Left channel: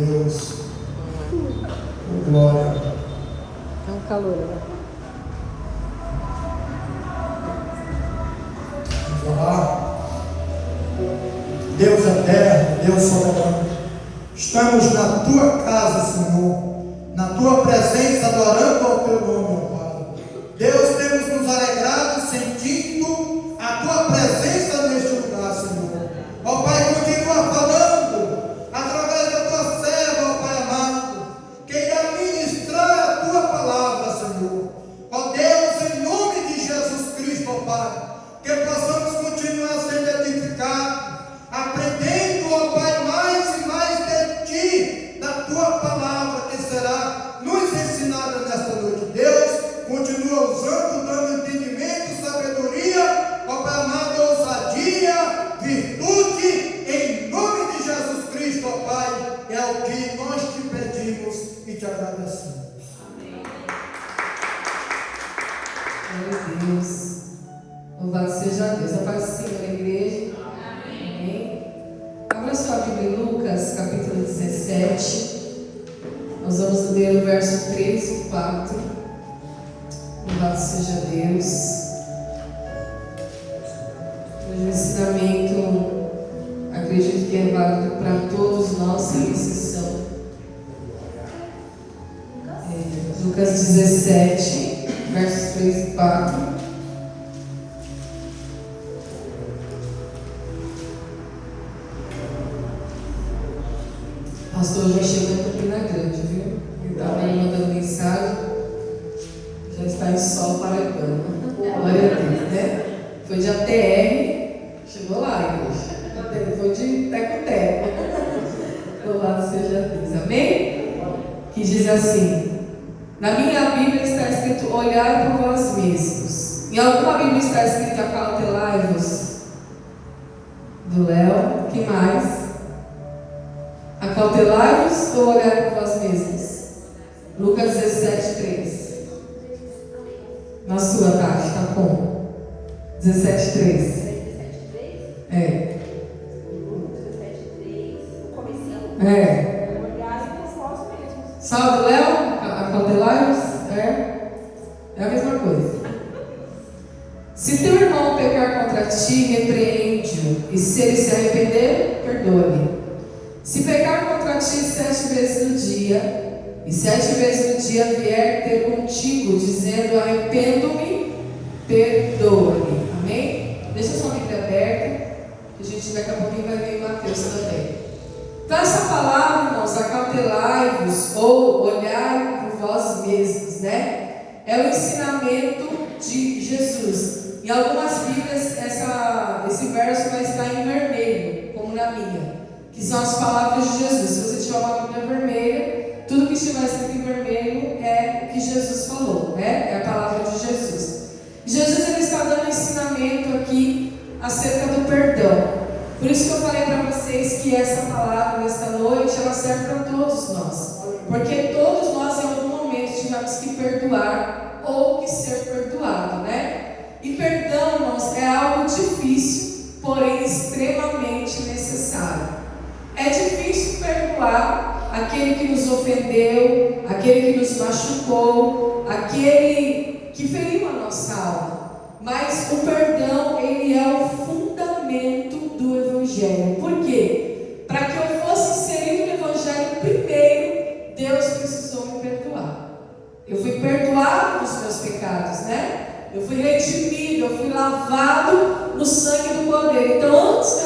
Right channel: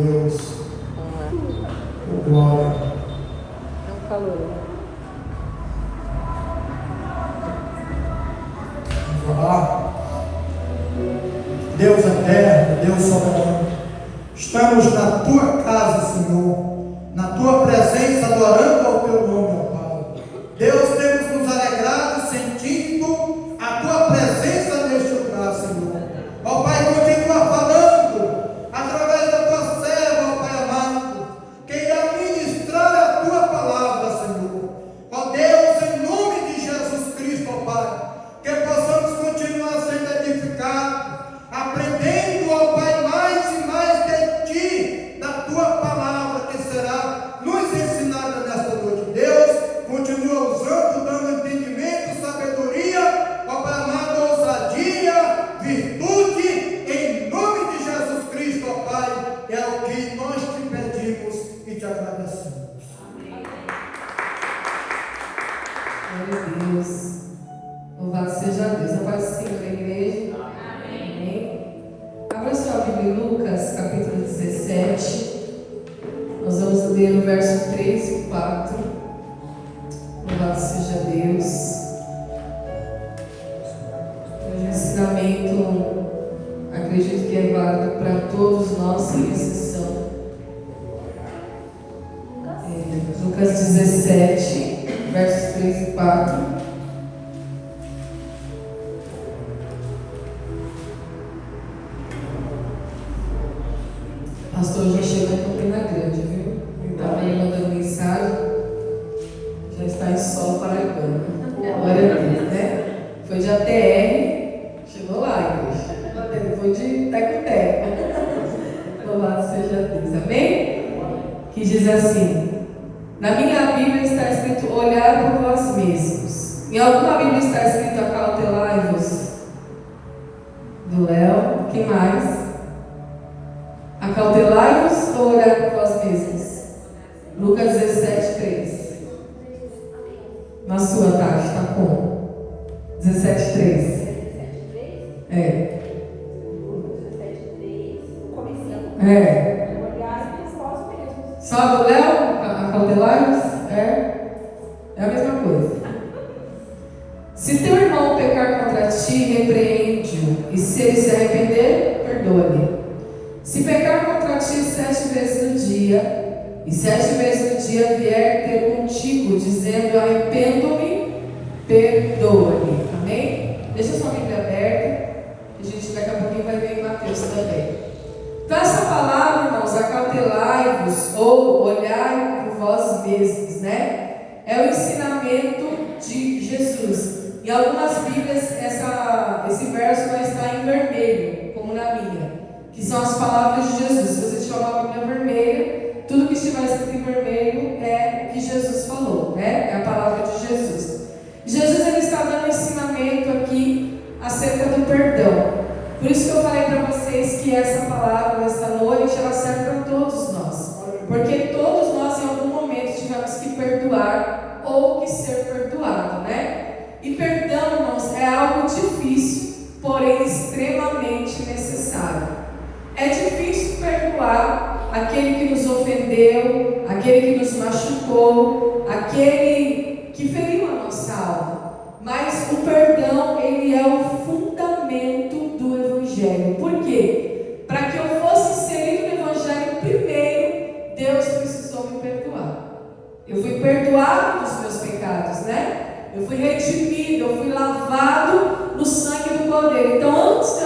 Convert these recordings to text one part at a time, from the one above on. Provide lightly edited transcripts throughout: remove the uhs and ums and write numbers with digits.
Deus. Glória. É um calor. Vamos falar? Deus é terra, Deus soberano. Estamos na tua casa, Senhor, na tua presença, adorando ao teu nome, ó Pai. Deus, temos nos alegrado sentindo a tua presença neste lugar, Senhor. Ó Pai, continua falando através da tua serva, ó Pai amado, que irá ministrar a tua palavra, Senhor. Ó Deus, em nome de Jesus Cristo, ó Pai, que possamos continuar sendo edificados, aprendendo, ó Pai, mais e mais de Ti, da Tua palavra que será nos ensinada nesta noite. Deus, continua usando, dando entendimento, sabedoria, ó Pai amado, ousadia, virtude, em nome de Jesus Cristo, ó Pai, é o que nós te pedimos e te agradecemos. Glória a Deus. Louvado seja Deus. A paz do Senhor, igreja. Amém. Abra sua Bíblia em Lucas, capítulo 17. Nós vamos ler o verso 3 e 4. Louvado seja Deus. O ensinamento, acredito que é válido para todos nós, sem exceção. Lucas 17, versos 3 e 4. Pastor, a gente chegou em Campina Grande, viu? Ele estava ali mandando mensagem. Já está em solo paraibano. Glória a Deus, né? Foi de ATR, chegou lá, igreja. Foi de teco-teco. Louvado seja Deus, amém? Que diz assim: na minha Bíblia está escrito: olhar por vós mesmos. Em alguma Bíblia está escrito: acautelai-vos. Do Léo, que mais? Acautelai-vos ou olhar por vós mesmos? Lucas 17, 3. Na sua tarde, tá bom? 17, 3. É. Só do Léo? Acautelai-vos? É a mesma coisa. Se teu irmão pecar contra ti, repreende-o, e se ele se arrepender, perdoa-lhe. Se pecar contra ti 7 vezes no dia, e 7 vezes no dia vier ter contigo, dizendo: arrependo-me, perdoa-lhe. Amém? Deixa sua Bíblia aberta, que a gente daqui a pouquinho vai ver em Mateus também. Então, essa palavra, irmãos, acautelai-vos, ou olhar por vós mesmos, né? É o ensinamento de Jesus. Em algumas Bíblias, esse verso vai estar em vermelho, como na minha, que são as palavras de Jesus. Se você tiver uma Bíblia vermelha, tudo que estiver escrito em vermelho é o que Jesus falou, né? É a palavra de Jesus. Jesus, ele está dando um ensinamento aqui acerca do perdão. Por isso que eu falei para vocês que essa palavra, nesta noite, ela serve para todos nós. Porque todos nós, em algum momento, tivemos que perdoar ou que ser perdoado, né? E perdão, irmãos, é algo difícil, porém extremamente necessário. É difícil perdoar aquele que nos ofendeu, aquele que nos machucou, aquele que feriu a nossa alma. Mas o perdão, ele é o fundamento do Evangelho. Por quê? Para que eu fosse inserido no Evangelho, primeiro, Deus precisou me perdoar. Eu fui perdoado dos meus pecados, né? Eu fui redimido, eu fui lavado no sangue do Cordeiro. Então, antes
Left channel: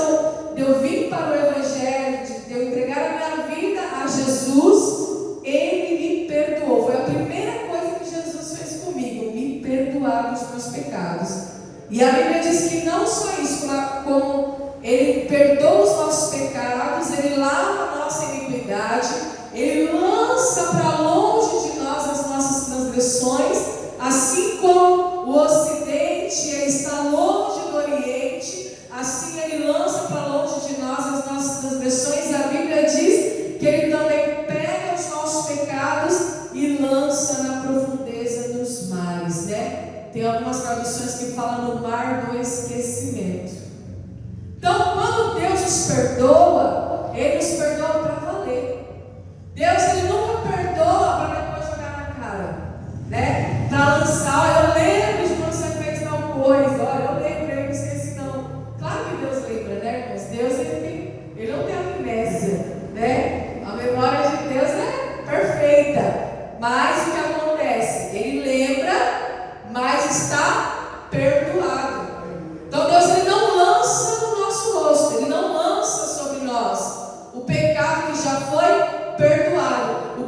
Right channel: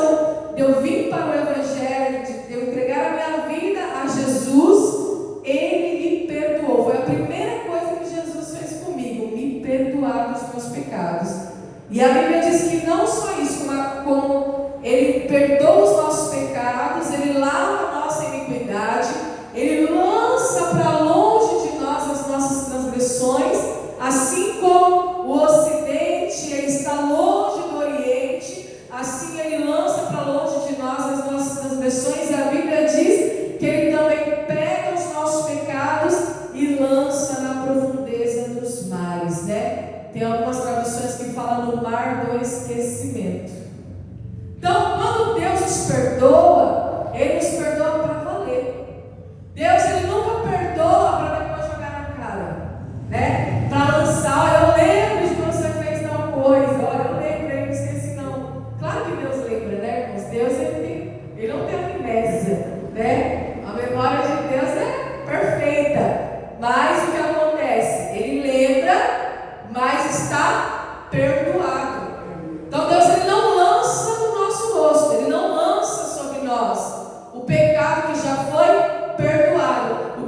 de eu vir para o Evangelho, de eu entregar a minha vida a Jesus, Ele me perdoou. Foi a primeira coisa que Jesus fez comigo, me perdoar dos meus pecados. E a Bíblia diz que não só isso, como Ele perdoa os nossos pecados, Ele lava a nossa iniquidade, Ele lança para longe de nós as nossas transgressões, assim como o Ocidente ele está longe do Oriente, assim Ele lança para longe de nós as nossas transgressões. E a Bíblia diz que Ele também pega os nossos pecados e lança na profundeza dos mares, né? Tem algumas traduções que falam no mar do esquecimento. Então, quando Deus nos perdoa, Ele nos perdoa para valer.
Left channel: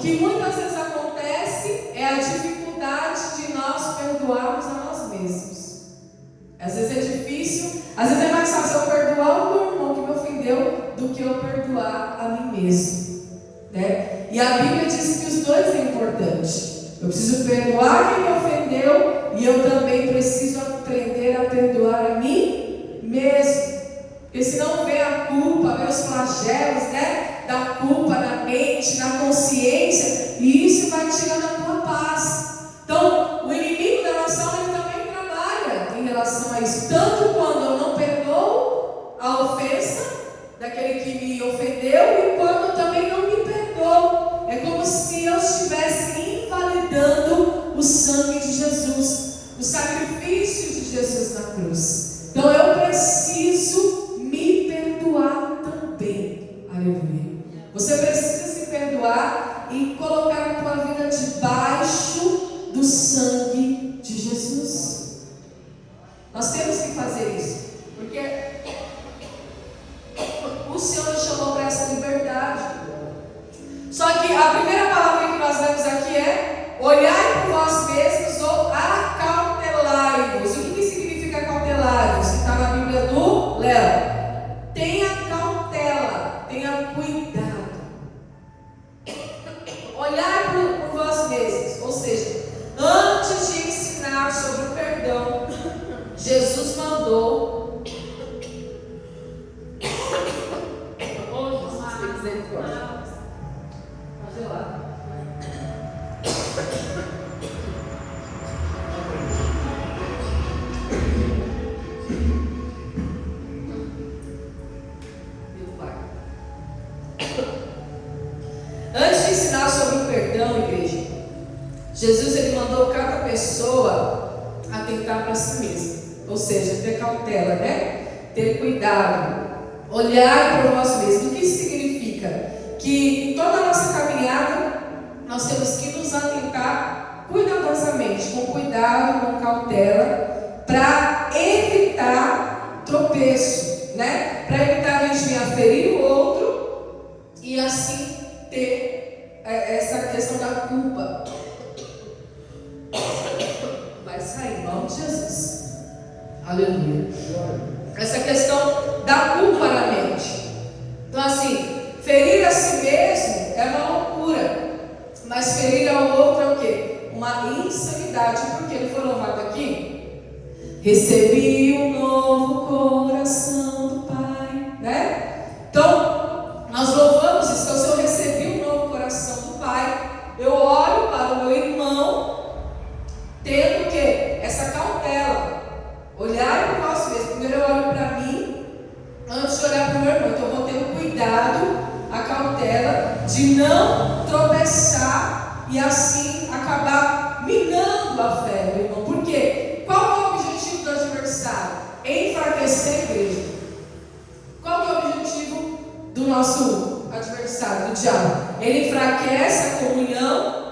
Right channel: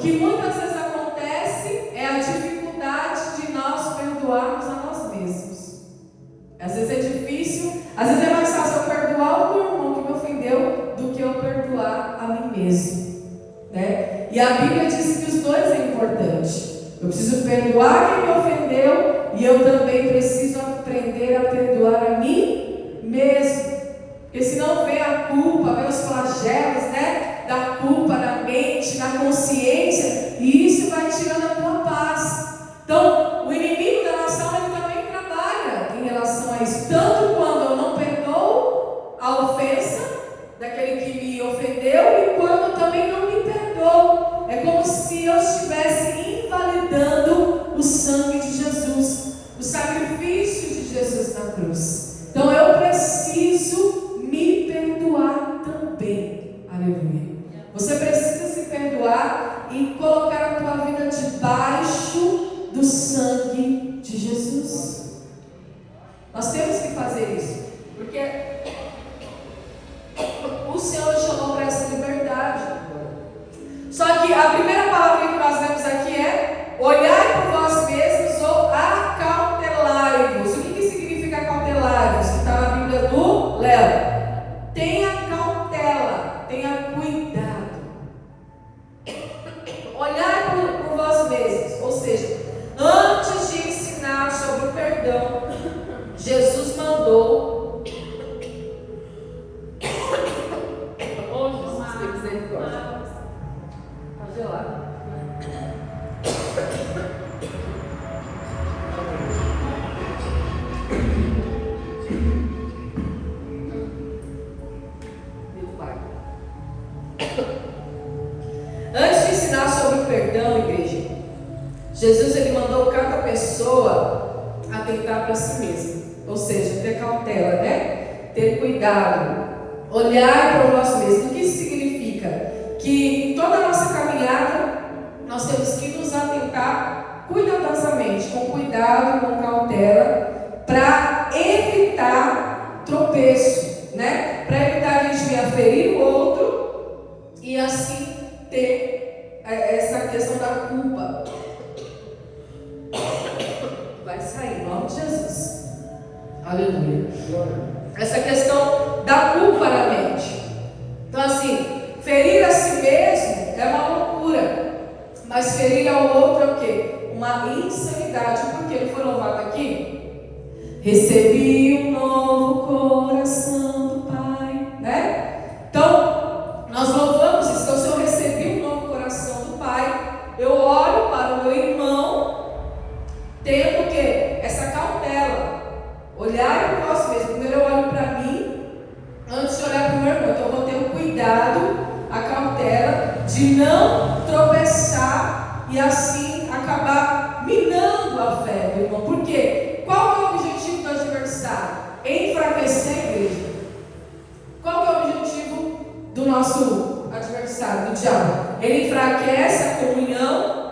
que muitas vezes acontece é a dificuldade de nós perdoarmos a nós mesmos. Às vezes é difícil, às vezes é mais fácil eu perdoar o meu irmão que me ofendeu do que eu perdoar a mim mesmo, né? E a Bíblia diz que os dois é importante. Eu preciso perdoar quem me ofendeu e eu também preciso aprender a perdoar a mim mesmo. Porque senão vem a culpa, vem os flagelos, né, da culpa na mente, na consciência, e isso vai tirando a tua paz. Então, o inimigo da nação, ele também trabalha em relação a isso. Tanto quando eu não perdoo a ofensa daquele que me ofendeu, e quando também não me perdoo. É como se eu estivesse invalidando o sangue de Jesus, o sacrifício de Jesus na cruz. Então, eu preciso me perdoar também. Aleluia. Você precisa se perdoar e colocar a tua vida debaixo do sangue de Jesus. Nós temos que fazer isso, porque o Senhor nos chamou para essa liberdade. Só que a primeira palavra que nós lemos aqui é: olhai por vós mesmos ou acautelai-vos. O que significa acautelai-vos? Está na Bíblia do Léo. Tenha cautela, tenha cuidado. Olhai por vós mesmos, ou seja, antes de ensinar sobre o perdão, Jesus mandou. Oh, Jesus, tem misericórdia. Está gelado. Meu pai. Antes de ensinar sobre o perdão, igreja, Jesus ele mandou cada pessoa atentar para si mesma. Ou seja, ter cautela, né? Ter cuidado. Olhar para nós mesmos. O que isso significa? Que em toda a nossa caminhada nós temos que nos atentar cuidadosamente, com cuidado, com cautela, para evitar tropeço, né? Para evitar a gente vir ferir o outro e assim ter essa questão da culpa. Vai sair, em nome de Jesus. Aleluia. Essa questão da culpa na mente. Então assim, ferir a si mesmo é uma loucura, mas ferir ao outro é o quê? Uma insanidade. Porque ele foi louvado aqui: recebi um novo coração do Pai, né? Então, nós louvamos isso. Então, se eu recebi um novo coração do Pai, eu olho para o meu irmão tendo o quê? Essa cautela. Olhar para nós mesmos. Primeiro eu olho para mim antes de olhar para o meu irmão. Então, eu vou ter o cuidado, a cautela de não tropeçar e assim acabar minando a fé do irmão. Por quê? Qual é o objetivo do adversário? Enfraquecer a igreja. Qual é o objetivo do nosso adversário, do diabo? Ele enfraquece a comunhão,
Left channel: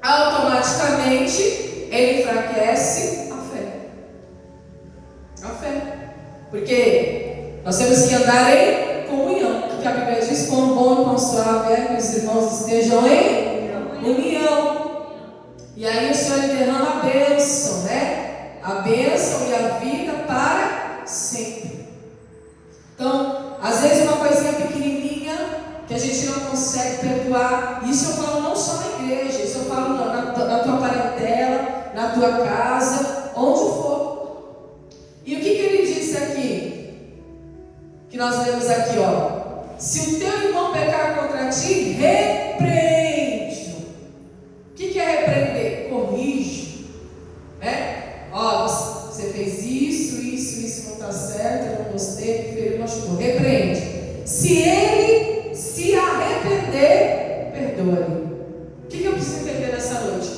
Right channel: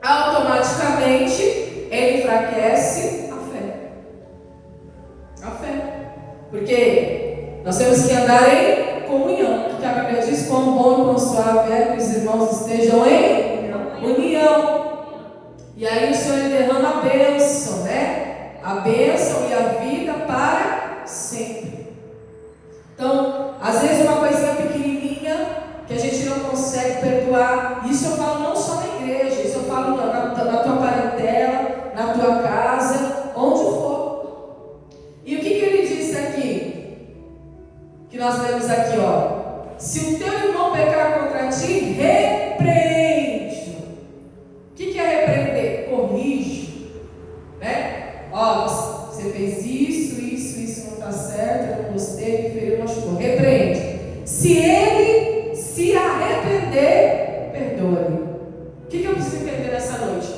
automaticamente ele enfraquece a fé. A fé. Porque nós temos que andar em comunhão. Porque a Bíblia diz: quão bom e quão suave é que os irmãos estejam em união. E aí o Senhor derrama a bênção, né? A bênção e a vida para sempre. Então, às vezes uma coisinha pequenininha que a gente não consegue perdoar. Isso eu falo não só na igreja, isso eu falo na tua parentela, na tua casa, onde for. E o que ele disse aqui? Que nós lemos aqui, ó: se o teu irmão pecar contra ti, repreende. O que é repreender? Corrige, né? Ó, você fez isso não está certo, eu não gostei, me feriu, machucou. Repreende. Se ele se arrepender, perdoa-lhe. O que eu preciso entender nessa noite?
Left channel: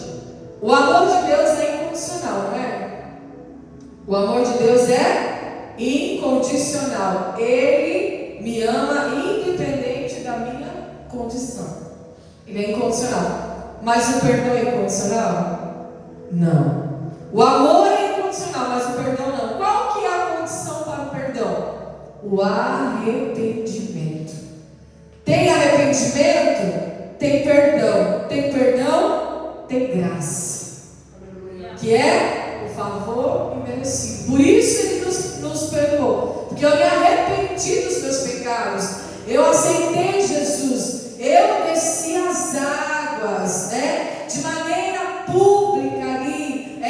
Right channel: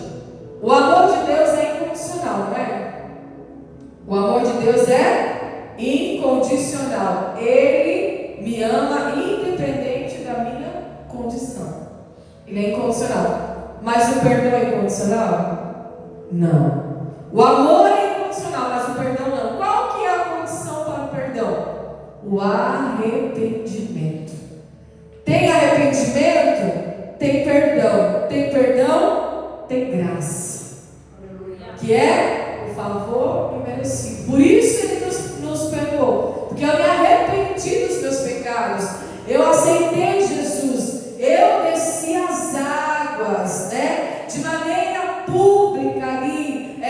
O amor de Deus é incondicional, não é? O amor de Deus é incondicional. Ele me ama independente da minha condição. Ele é incondicional. Mas o perdão é incondicional? Não. O amor é incondicional, mas o perdão não. Qual que é a condição para o perdão? O arrependimento. Tem arrependimento, tem perdão. Tem perdão, tem graça. Que é o favor imerecido. Por isso Ele nos perdoou. Porque eu me arrependi dos meus pecados. Eu aceitei Jesus. Eu desci as águas, né? De maneira pública ali,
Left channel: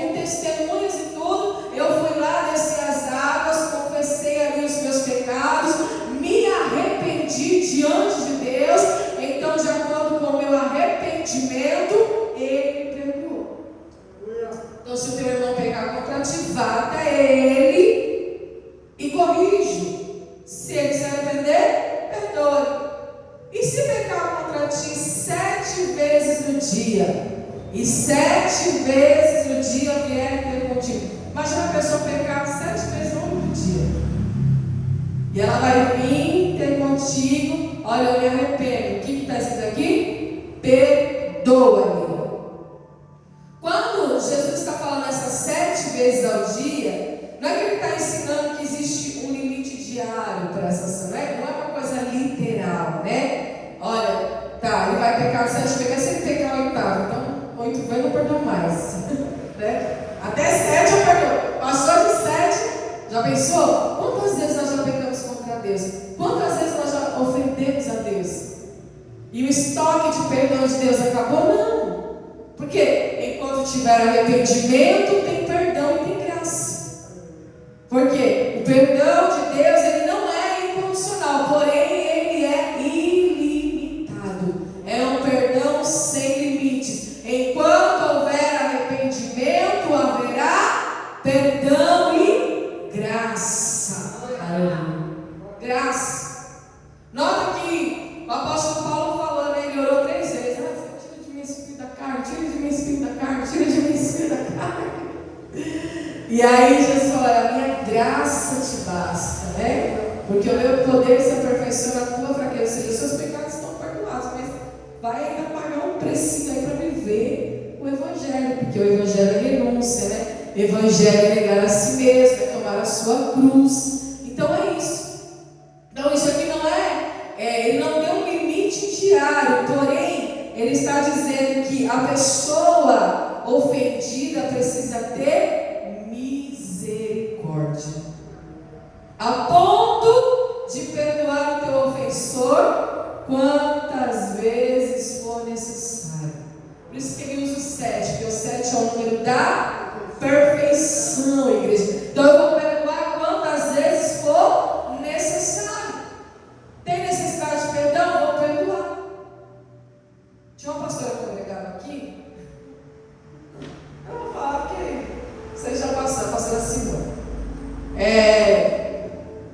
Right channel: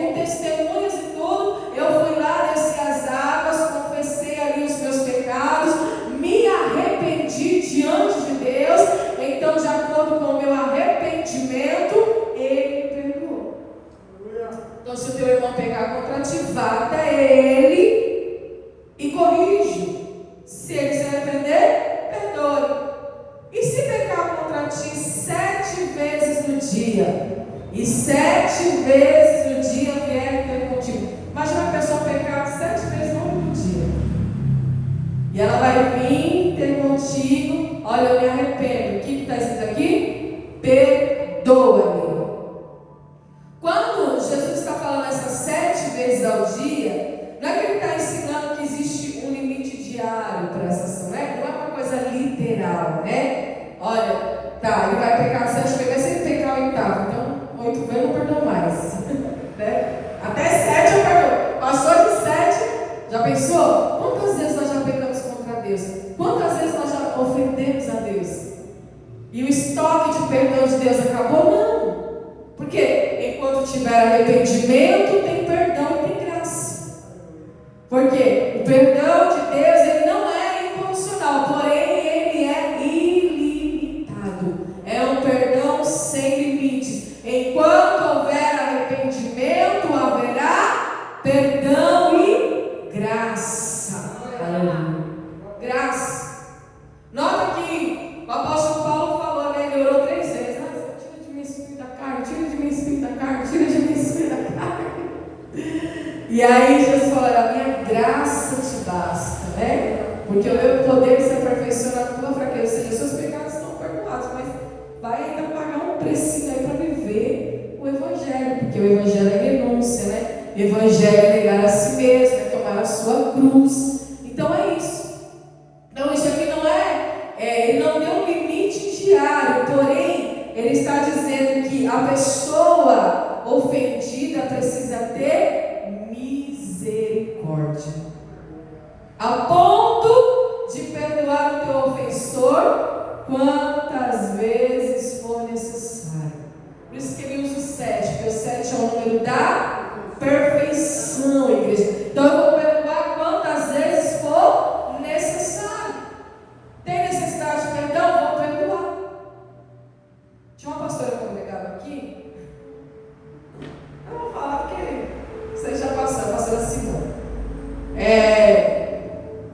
com testemunhas e tudo. Eu fui lá, desci as águas, confessei ali os meus pecados, me arrependi diante de Deus. Então, de acordo com o meu arrependimento, Ele me perdoou. Então, se o teu irmão pecar contra ti, vá até ele e corrige. Se ele se arrepender, perdoe. E se pecar contra ti 7 vezes no dia, e 7 vezes no dia vier ter contigo. Imagina a pessoa pecar 7 vezes no único dia. E ela vai vir ter contigo. Olha, eu me arrependo. O que está escrito aqui? Perdoa-me. Quando Jesus está falando essas 7 vezes ao dia, não é que Ele está ensinando que existe um limite diário para essa ação, né? Não é uma coisa literal, né? Olha, tá, ele vai pecar 7 vezes, vai sempre pecar o 8º, então 8 vezes eu não perdoo mais, né? Até 7 eu perdoo. Passou de 7, já pensou? Quantas vezes nós já pecamos contra Deus? Quantas vezes nós já ofendemos a Deus? E o estoque de perdão de Deus acabou? Não. Porque enquanto tiver arrependimento, tem perdão e tem graça. Porque o perdão de Deus, ele não é incondicional, porém ele é ilimitado. É um perdão sem limites. Enquanto houver arrependimento, haverá perdão e graça. Aleluia. Graça. Nota que o apóstolo Paulo falou, né? Ele orou 3 vezes. Tira de mim esse espírito da carne, tira de mim esse espírito da carne, tira de mim esse espírito da carne. E aí Jesus falou: a minha graça te basta, né? Porque o meu poder se aperfeiçoa na tua fraqueza. Ou seja, seus pecados estão perdoados, mas vai ainda pagar um precinho aí para viver o Evangelho. Porque o Evangelho é renúncia, né? O Evangelho é negar a si mesmo, é tomar a sua cruz. Então é isso. Então isso aqui não ele não deu um limite diário, porém ele está dizendo que a pessoa ofendida precisa ter misericórdia, a ponto de perdoar o teu ofensor quantas vezes for necessário. Por isso que ele usa o 7, porque o 7 é o número da perfeição, igreja. Então eu vou perdoar quantas vezes for necessário. Tem necessidade de perdão? Vou perdoar. Tinha uma pastora que eu pregava aqui. Eu vou falar porque vocês já passaram, a pastora Simone.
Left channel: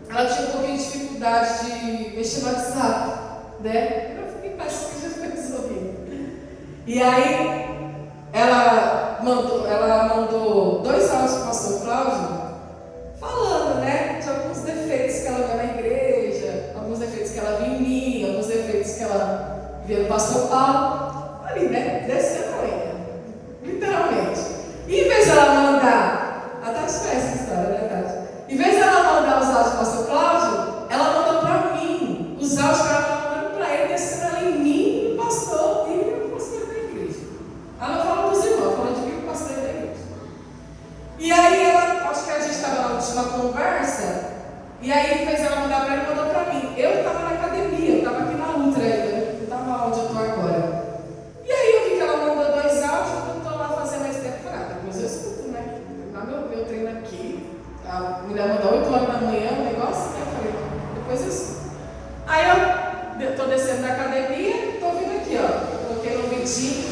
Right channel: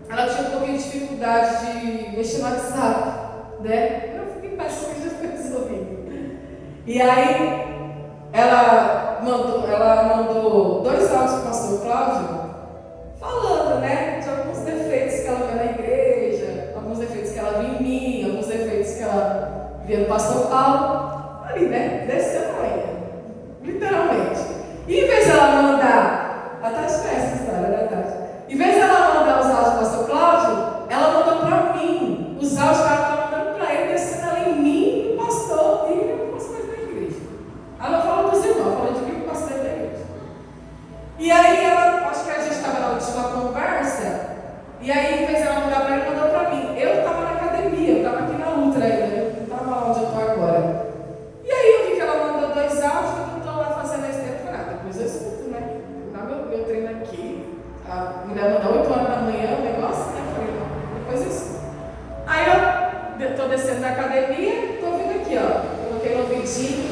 Ela tinha um pouquinho de dificuldade de mexer no WhatsApp, né? Eu fiquei passando e já foi resolvido. E aí, ela mandou 2 áudios para o pastor Cláudio, falando, né, de alguns defeitos que ela viu na igreja, alguns defeitos que ela viu em mim, alguns defeitos que ela via no pastor Paulo, ali, né, descendo a lenha, literalmente. E em vez de ela mandar, a Tati conhece essa história, né, Tati? Em vez de ela mandar os áudios do pastor Cláudio, ela mandou para mim, os áudios que ela estava mandando para ele, descendo ela em mim, e o pastor, e o pastor da igreja. Ela não falou dos irmãos, falou de mim, o pastor da igreja. E aí, acho que a gente estava na última conversa, e aí, em vez de ela mandar para ele, mandou para mim. Eu estava na academia, eu estava aqui na Ultra ainda, eu não estava onde eu estou agora. E aí, eu vi que ela mandou 2 áudios, eu estou lá fazendo mais tempo. Depois eu escuto, né? Dá meu treino aqui, a mulher mandou 8 horas da manhã, o negócio, né? Eu falei, depois eu escuto. Aí, eu estou descendo da academia, estou vindo aqui, ó. Coloquei no ouvidinho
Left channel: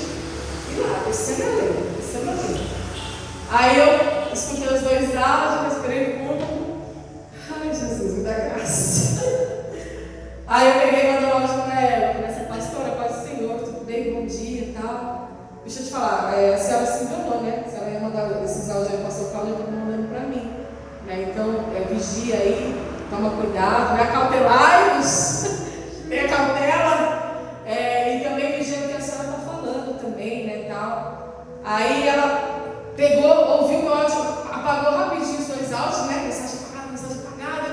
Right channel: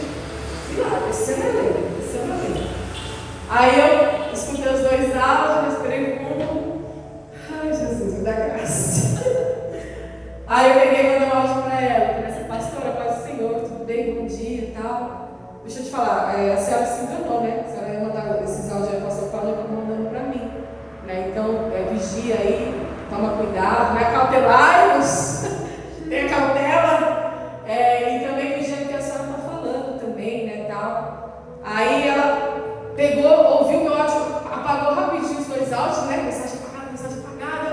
e lá, descendo a lei, descendo a lei. Aí eu escutei os 2 áudios, respirei fundo. Ai, Jesus, me dá graça. Aí eu peguei e mandei um áudio para ela. Falei, pastora, paz do Senhor, tudo bem, bom dia e tal. Deixa eu te falar, a senhora se enganou, né? A senhora ia mandar esses áudios aí, pastor Paulo, e mandando para mim. Né? Então, vigia aí, toma cuidado, né? Acautelai-vos, tenha cautela. E também vigia o que a senhora está falando também, né? Tal. Aí ela pegou, ouviu meu áudio, apagou rapidinho os 2 áudios, né? Mensagem apagada.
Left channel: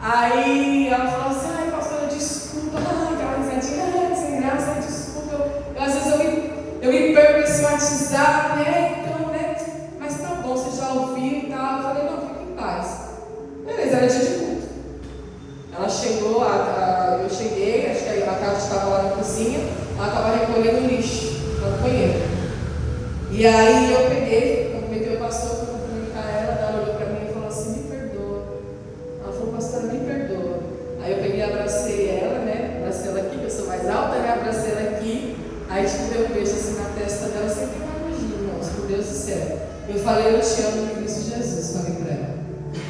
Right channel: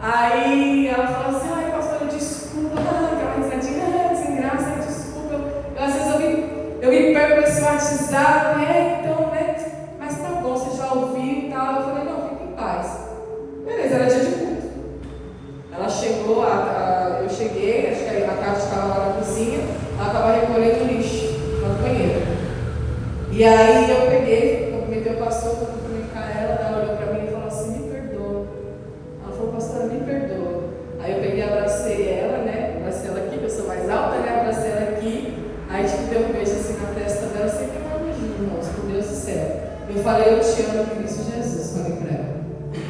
Aí ela falou assim, ai, pastor, desculpa, risada, então, né? Mas tá bom, você já ouviu e tal. Eu falei, não, fica em paz. Beleza, era dia de culto. Ela chegou, eu cheguei, acho que a Tati estava lá na cozinha, ela estava recolhendo lixo no banheiro. E aí eu peguei, cumprimentei o pastor, fui cumprimentar ela olhou para mim e falou assim, me perdoa. Ela falou, pastora, me perdoa. Aí eu peguei, abracei ela, né? Abracei ela aqui, que eu sou mais alta, né? Abracei ela aqui. Aí deu um beijo assim na testa dela, sem ter uma imagina, irmãos, meu Deus do céu. Eu falei, eu te amo em Cristo Jesus, falei para ela.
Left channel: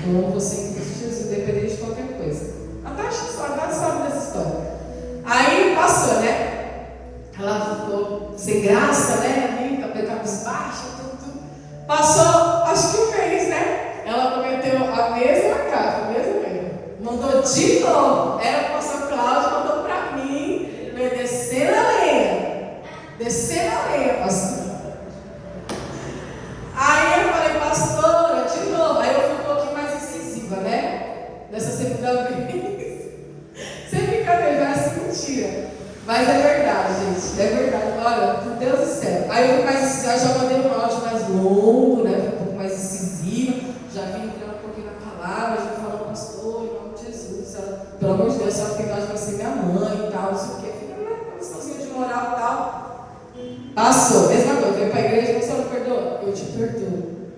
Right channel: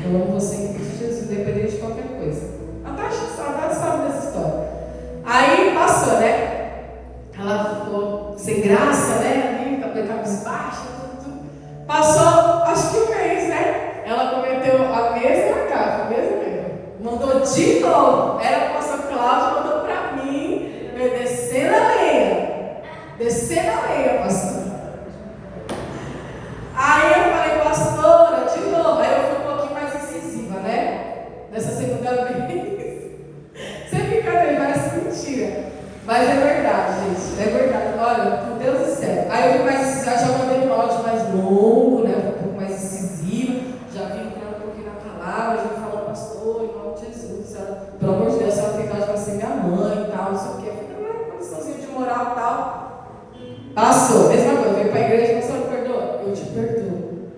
Eu amo você em Cristo Jesus, independente de qualquer coisa. A Tati sabe dessa história. Aí passou, né? Ela ficou sem graça, né? Ali, cabisbaixa, tudo. Passou, acho que um mês, né? Ela cometeu a mesma cara, a mesma erro. Mandou de novo. Era o pastor Cláudio, mandou pra mim, descer na lenha. Descer na lenha, pastor. Aí eu falei, pastora, de novo. Aí eu fui um pouquinho mais incisiva, né? Nessa segunda vez. Você fica nervosa, mentira. Mas é verdade, gente. É verdade. Olha, meu Deus do céu. Aí eu fui mais incisiva, já mandei um áudio mais longo, né? Um pouco mais incisiva. Já vim entrando um pouquinho na palavra, já falando, pastor, em nome de Jesus. Ela, pelo amor de Deus, ela fica, ela vai ser minha mãe e tal, não sei o quê. Fica uma condiçãozinha de moral e tal. Passou, mesma coisa, veio para a igreja e falou, perdoa? Eu te perdoo.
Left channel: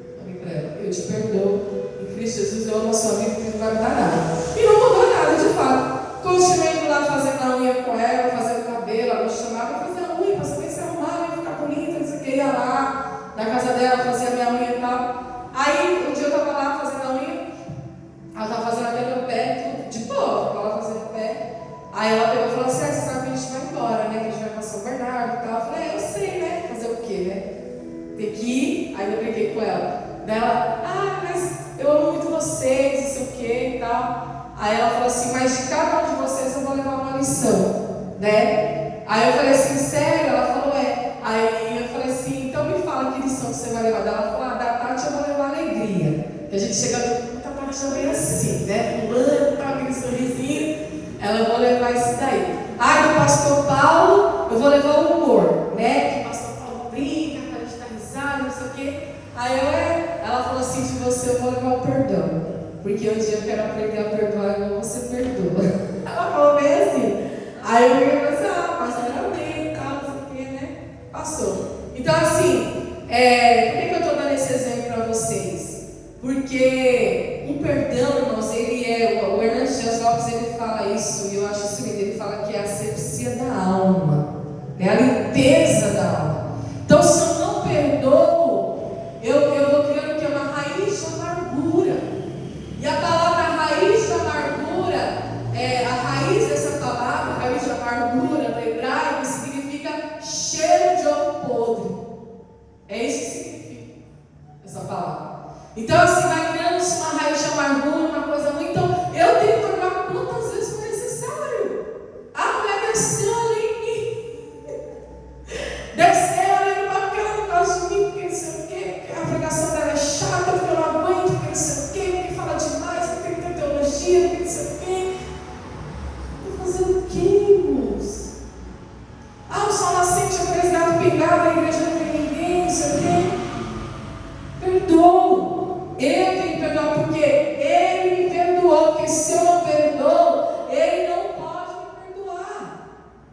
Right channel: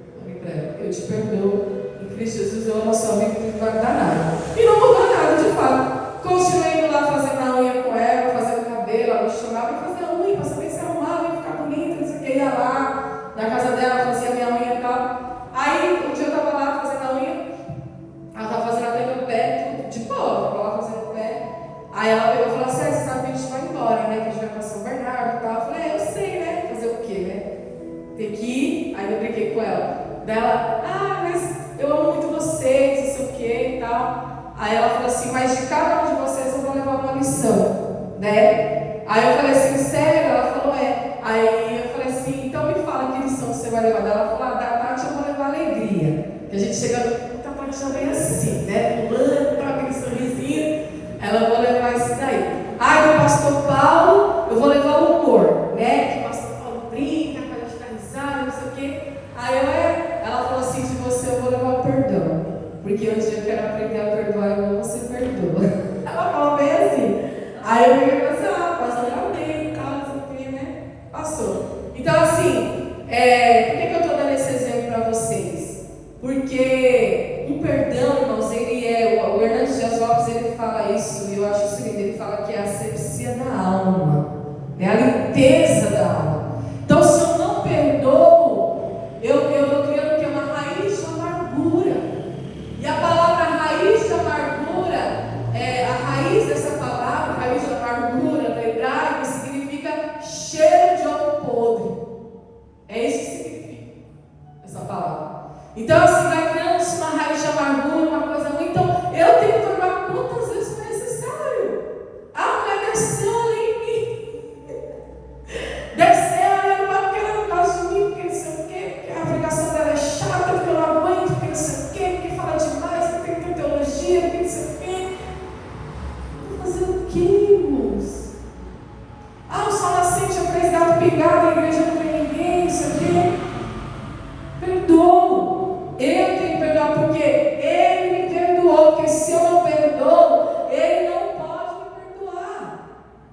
Eu te perdoo. Em Cristo Jesus eu amo a sua vida e não vai dar nada. E não mudou nada, de fato. Continuei indo lá fazendo a unha com ela, fazendo o cabelo, ela me chamava para fazer a unha, para saber se arrumava, ia ficar bonita, não sei o que, ia lá na casa dela, fazia a minha unha e tal. Aí, um dia eu estava lá fazendo a unha, ela estava fazendo a unha no pé, tudo de boa, estava lá fazendo o pé. Aí ela pegou e falou assim, você sabe que a gente vai embora, né? Que a gente vai para São Bernardo e tal. Eu falei, eu sei, né? Fazer o quê, né? Ter que ir. Aí eu brinquei com ela. Daí ela, mas eu amo muito vocês, não sei o quê e tal. Aí ela falou assim, mas de cada um de vocês eu vou levar uma lição, né? Aí eu falei assim, sério? Ela falou, é. Aí eu falei assim, então me fala que lição você vai levar. Daí ela falou, da Tati eu vou levar alegria. Que a gente chega no Tati já vem assim, né? Pulando, tá, aquele sorrisinho. Ela vou levar isso daí. Do pastor Paulo, eu vou levar o humor, né? Que o pastor Paulo brinca, para a gente dar risada, não sei o quê. Aí ela falou assim, de você eu vou levar o perdão. Porque um dia eu quero aprender a perdoar e não você perdoa. Ela falou bem assim. Aí eu falei assim, pastor, amém e tal, não sei o quê, né? Passou. Então assim, por que eu estou dando esse exemplo para vocês? Porque o perdão, irmãos, o Hernandes Dias Lopes, ele fala isso, e eu acho isso lindo, ele fala que é a asepsia da alma, é a limpeza da alma. Então, se eu não perdoo, eu vou criando que é uma raiz de amargura. E a palavra raiz de amargura, a raiz dessa palavra, raiz de amargura, no hebraico, significa cheiro de ovo podre. É isso que significa essa palavra. Então, assim, vai criando-se uma raiz de amargura, uma coisa ruim. Então, eu tenho que perdoar quantas vezes for necessário. A mulher desceu ali em mim. Desceu ali no banco, porque ela não gosta de mim, porque não sei o quê, porque a pregação dela é chata, porque eu não aguento, porque não sei o quê, porque fala demais, porque tem teologia, porque não sei o quê. Vou fazer o quê, irmãos? O sol nascente, eu três gatos pingados, a igreja não tem ninguém, não sei o quê. Perdoa. Eu tenho que perdoar porque Ele me perdoou. Porque se eu não perdoo, Ele não pode me perdoar.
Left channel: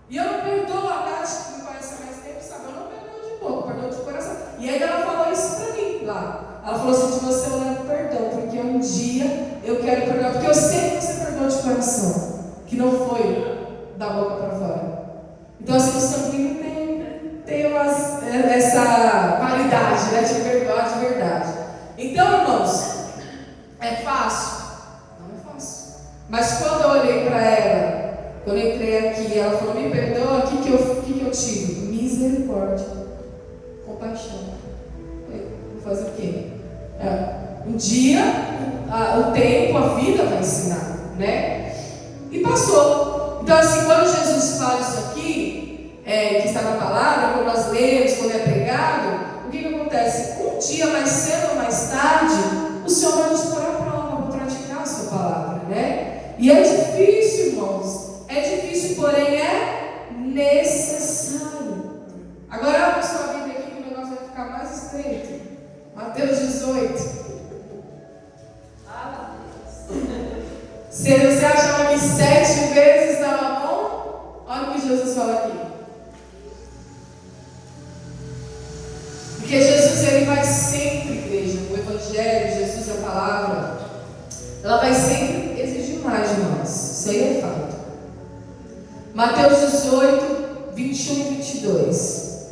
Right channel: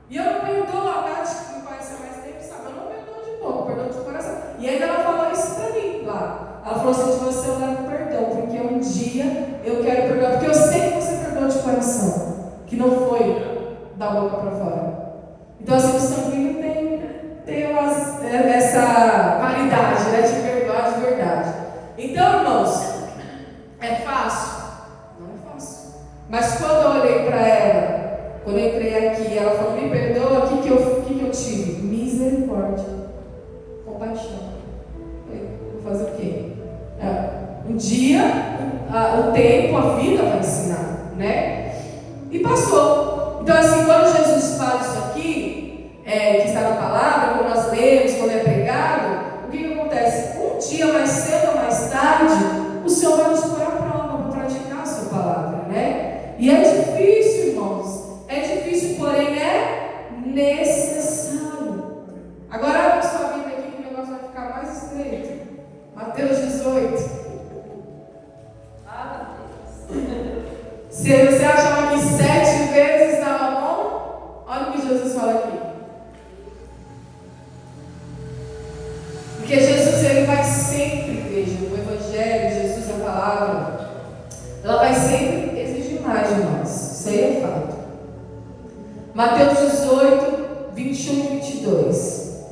E eu não perdoo. A Nath, que me conhece há mais tempo, sabe? Eu não perdoo de boca, perdoo de coração. E ainda ela falou isso pra mim lá. Ela falou assim, de você eu levo perdão, porque um dia eu quero perdoar. Porque eu sei que você perdoou de coração, que não foi da boca para fora. Então assim, o sanguíneo tem essa qualidade, né, de perdoar de verdade. Então, irmãos, é fácil? Não é fácil. Mas quando eu olhei para ela, quando eu entrei aqui, ela falou, me perdoa, o que eu tive? Misericórdia, compaixão. Vou fazer o quê? Um dia, o tempo, a vida vai ensinar, né? E passou. Então, assim, quando Jesus fala isso aqui, que está na palavra, quando nós lemos, quando é pregado, o que acontece? Um dia, mais cedo ou mais tarde, o Senhor vai nos pôr à prova para praticar a sua palavra, né? E é difícil, irmãos. É difícil, porém é necessário. Agora, abre sua Bíblia aqui que o negócio vai ficar Mateus 18, 21 e 22.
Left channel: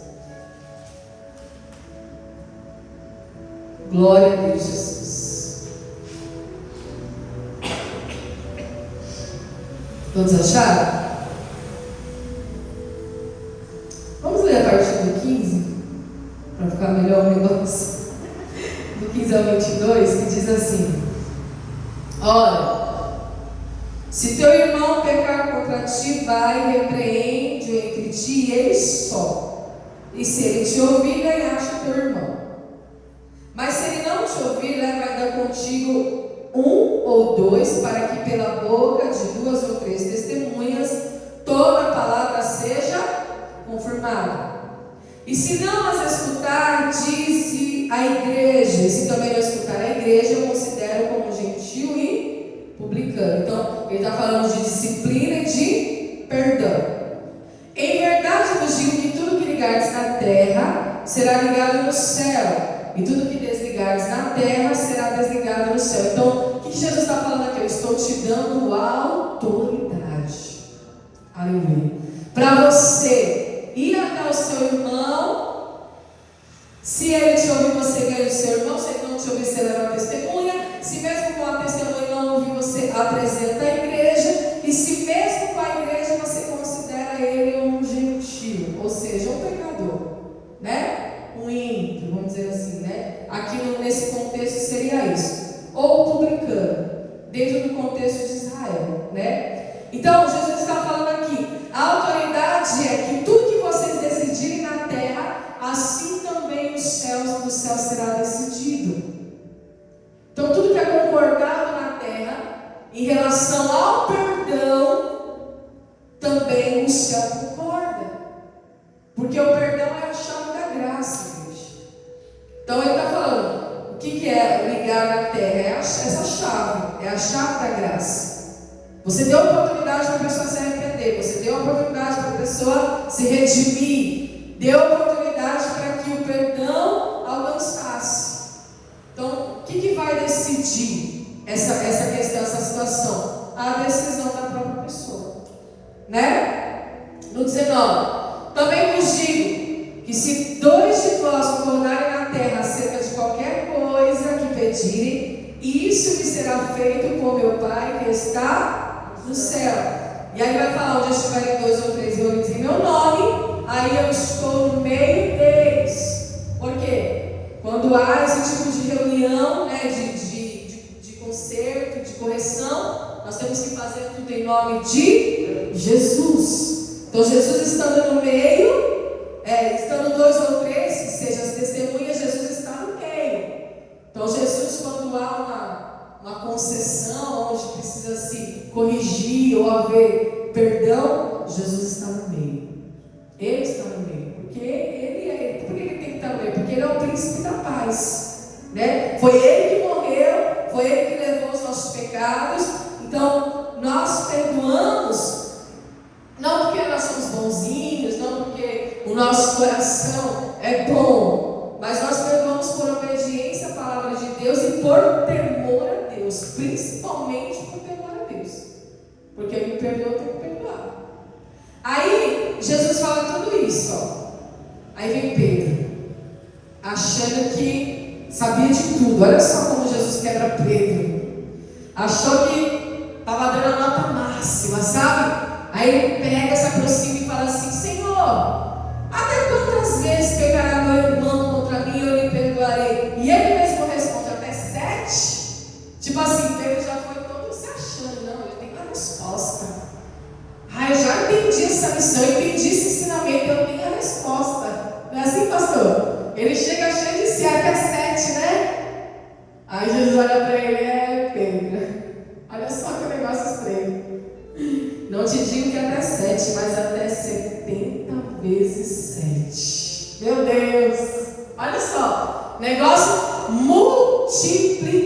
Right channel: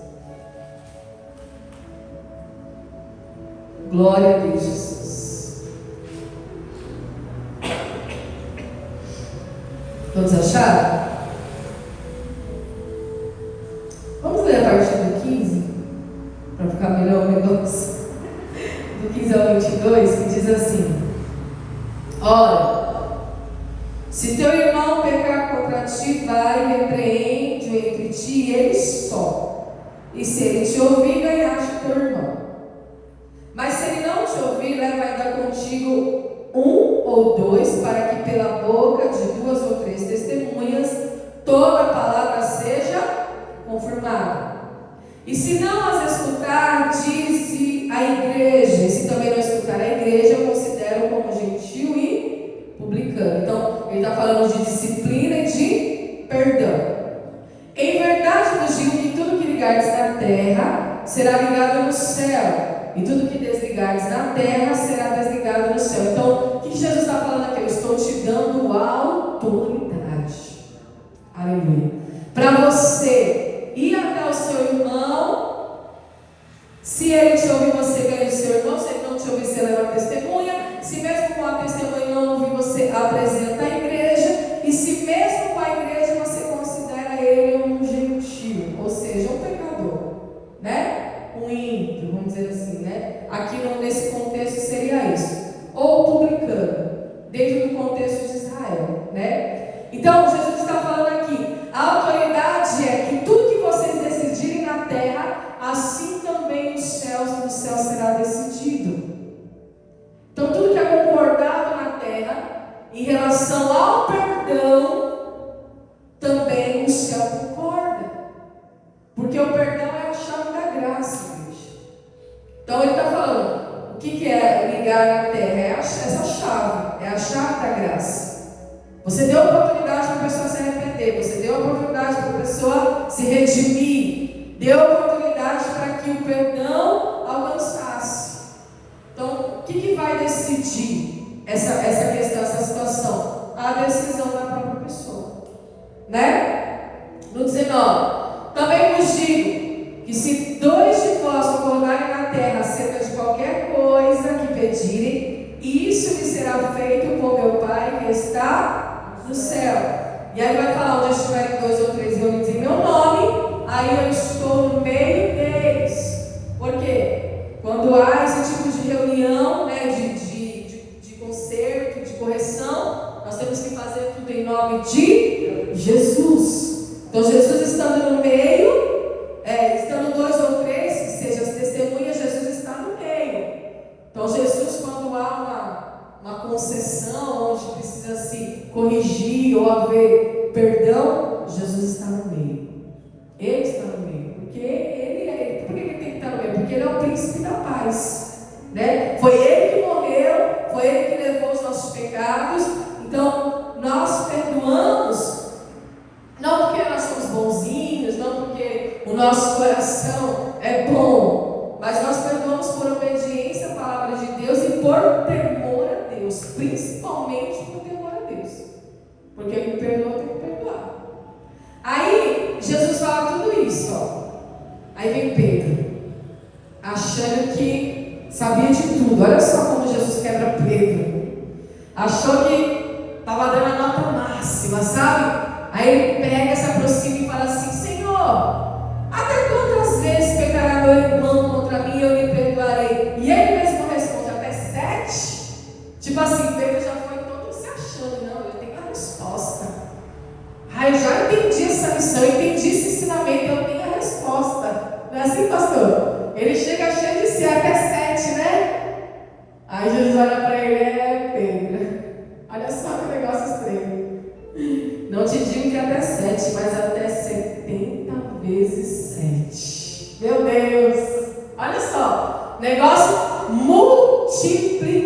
Glória a Deus, Jesus. Todos acharam? Vamos ler a partir do 15, para ficar melhor o negócio. Do 15 ao 22, que diz assim: ora, se teu irmão pecar contra ti, vai e repreende-o entre ti e ele só. E se ele te ouvir, ganhaste o teu irmão. Mas se ele não te ouvir, leva ainda contigo um ou dois, para que pela boca de duas ou três testemunhas toda a palavra seja confirmada. E se não as escutar, dize a igreja. E se também não escutar a igreja, eu considero como gentil e publicano. Então, ele está falando de disciplina e de perdão. Em verdade vos digo que tudo que ligardes na terra será ligado no céu, e tudo que desligardes na terra será desligado no céu. Então, o que Jesus está falando aqui? Eu estou te dando autoridade. Aleluia. Para você ir até o seu irmão. Se ele te ouvir, você ganha o seu irmão. Se ele não te ouvir, você leva a testemunha. Se mesmo com a testemunha não ouvir, você apresenta a igreja. E se mesmo com a igreja você considera ele um gentil, ou seja, um pecador, né? Um ímpio, vamos dizer assim, né? Aqui nesse contexto seria isso. Ou publicano, dentro do contexto de Israel, né? Então, Jesus está falando aqui, a autoridade é que tudo que vocês decidirem na terra, assim também nos céus e no céu será decidido. Então, tudo que é concordado na terra, em relação ao perdão, também o céu concorda. Porque o perdão é a chave da graça, igreja. Então, ele está falando, o que é ligar na terra? É essa chave, é a chave da graça. Você deu oportunidade para a pessoa se arrepender, você deu oportunidade para a pessoa se redimir, deu oportunidade para que o perdão alcançasse. Então, o que vai decidir essa questão, essa situação? A decisão da própria pessoa, né? No 19, também vos digo que se dois de vós concordarem na terra acerca de qualquer coisa que pedirem, isso lhe será feito por meu Pai que está no céu. E aí vai falar, onde estiverem dois ou três reunidos em meu nome, aí eu estou no meio deles. Por quê? Quando há esse tipo de reunião, né, de conserto, de correção, nós temos que fazer tudo em nome de Jesus. Então, Jesus estando no meio, estando dois ou três, que sejam as testemunhas, Jesus está no meio. Então, Jesus, quando há uma concessão, onde precisa se corrigir ou haver perdão, Jesus está no meio. Ele está no meio. Porque por que ele tem que estar no meio? Porque ele é o príncipe da paz, né? Foi ele que morreu, foi ele que levou os nossos pecados. Então, nós perdoamos, não porque nós somos bonzinhos, não porque o nosso coração é bom, mas nós perdoamos por obediência à palavra de Deus e por temor a Deus, principalmente por temor a Deus, porque ele me perdoa, eu tenho que perdoar. Aí Jesus fala tudo isso, ó. Aí vem Pedro, achando que sabia de tudo. Olha só como Jesus quebra Pedro. Achou que estava dando a nota máxima, sabe? Aí ele pega, se aproxima e fala assim: Senhor, até quantas vezes pecará meu irmão contra mim e eu lhe perdoarei? E ele mesmo responde: até 7. Tipo assim, Pedro já foi todo se achando. Não, ele tem a resposta. Eu já entendi essa missão, eu entendi esse ensinamento, eu tenho a resposta. Não é assim, pastor? Ele chega cheio de si, até 7, né? Aí Jesus olha para ele: Pedro, olha só que negócio estranho. Não te digo que até 7, mas até 70 vezes 7. Meu Deus! Olha só, negócio multiplicou.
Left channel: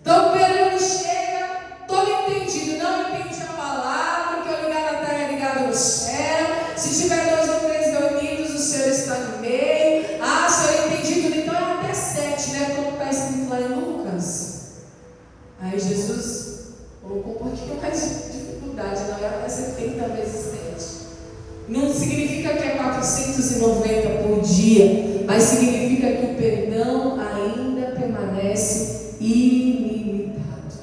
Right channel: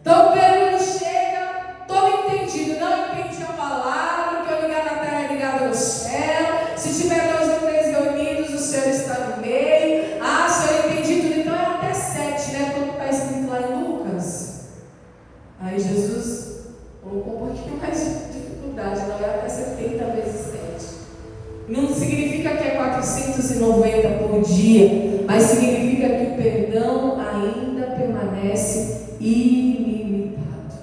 Então Pedro chega todo entendido, não entende a palavra, que eu ligar na terra é ligado no céu. Se tiver dois ou três reunidos, o Senhor está no meio. Se eu entendi tudo, então é até 7, né? Como está escrito lá em Lucas. Aí Jesus colocou um pouquinho mais de dificuldade na vai até 70 vezes 7. Não significa que é 490 por dia, mas significa que o perdão ainda permanece ilimitado.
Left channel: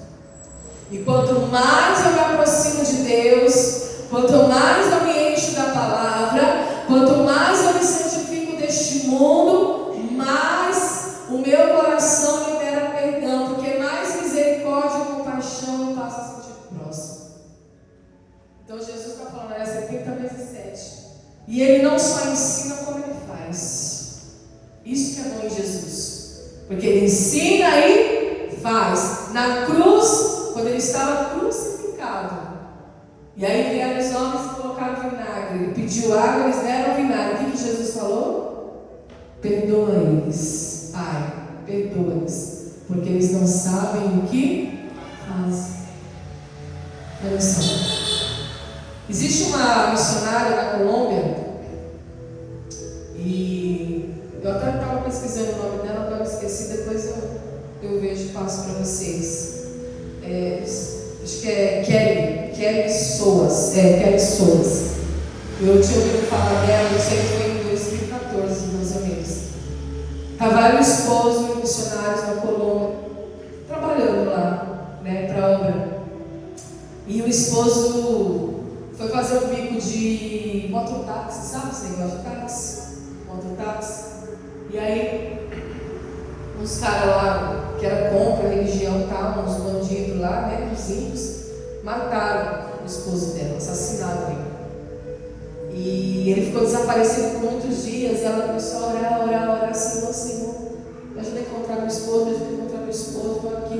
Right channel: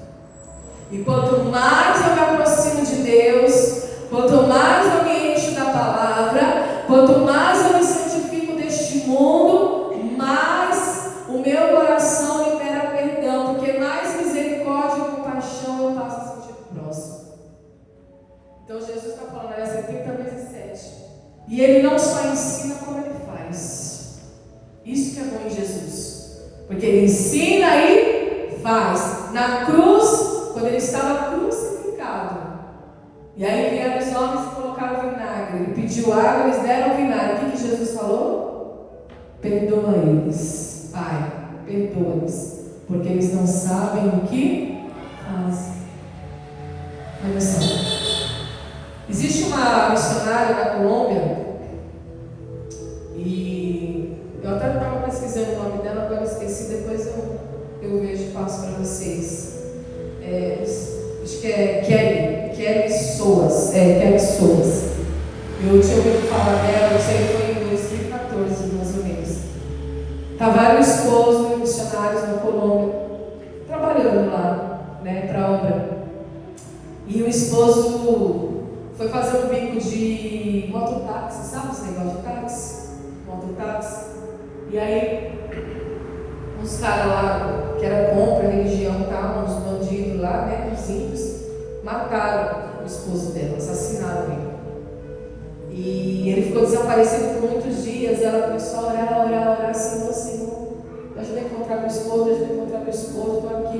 E quanto mais eu me aproximo de Deus, quanto mais eu me encho da palavra, quanto mais eu me santifico deste mundo, mais o meu coração libera perdão, porque mais misericórdia e compaixão eu passo a sentir próximo. Então Jesus está falando, é 70 vezes 7. E Ele não só ensina como Ele faz. Isso que é bom em Jesus. Porque Ele ensina e faz. Na cruz, quando Ele estava crucificado, e aí vieram os homens e colocaram vinagre. Ele pediu água, eles deram vinagre. O que Jesus falou? Perdoa eles, Pai, perdoa-eles, porque eles não sabem o que fazem. Olha só. Existe uma missionária na Colômbia, e eu até estava pesquisando o nome dela, agora esqueci, depois eu vejo e passo para vocês. Acho que é Kelly Soas. Kelly Soas. Eu tinha ouvido falar dela, não sei, foi em 2014, mais ou menos. Estava o esposo e missionários na Colômbia, trabalhando lá, né, para a obra. E o esposo foi fazer um bico de mototáxi, sabe esse negócio de táxi? Mototáxi. E aí, uns caras lá, que era contra a religião, tá? Uns bandidos lá, né? Uns ímpios, mataram o esposo dela, assassinaram ele. E ele ficou desaparecido por muitos dias. Ela começou a orar, Senhor, me ajuda a encontrar meu esposo, estou aqui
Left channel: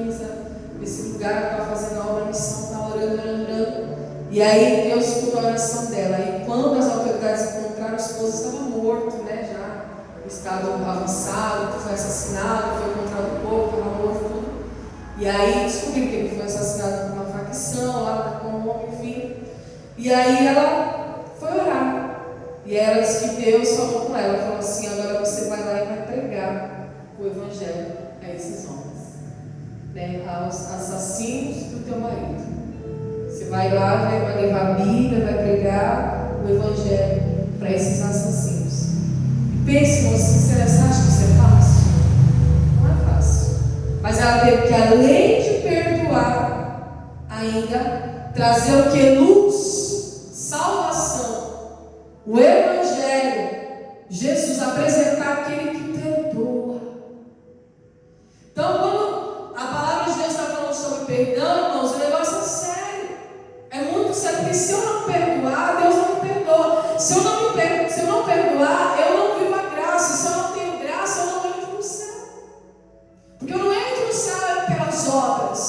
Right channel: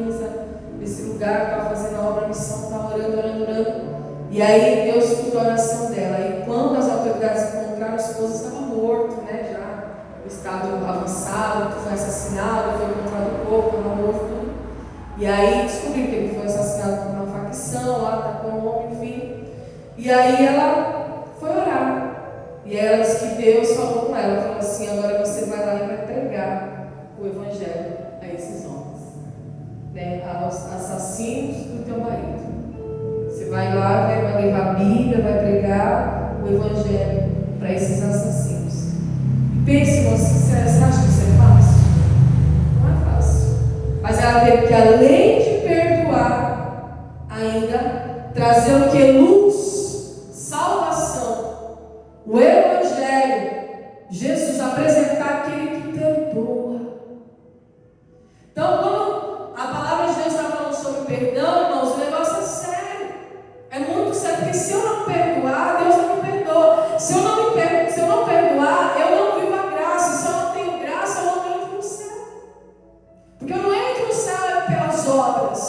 nesse lugar para fazer a obra, a missão, tá orando. E aí Deus escutou a oração dela. E quando as autoridades encontraram, o esposo estava morto, né? Já em estado avançado, foi assassinado, foi encontrado o corpo, estava morto, tudo. E aí descobriram que ele foi assassinado por uma facção lá da Colômbia, enfim. E aí ela foi orar. E ela disse que Deus falou com ela, falou assim: agora você vai lá e vai pregar o evangelho a esses homens, né? Aos assassinos do teu marido. Você vai lá, vai levar a Bíblia, vai pregar o evangelho para esses assassinos. Pense, você acha que isso é fácil? Não é fácil. Mas ela teve que, além de perdoar, ainda trazer o que? Luz, salvação, o evangelho, Jesus, apresentar aquele que perdoa. Então, quando a palavra de Deus está falando sobre perdão, irmãos, o negócio é sério. É muito sério, porque se eu não perdoar, Deus não me perdoa. Se eu não perdoar, eu não vivo a graça. Se eu não tenho graça, eu não entro no céu. Porque eu não entro no céu pelas obras,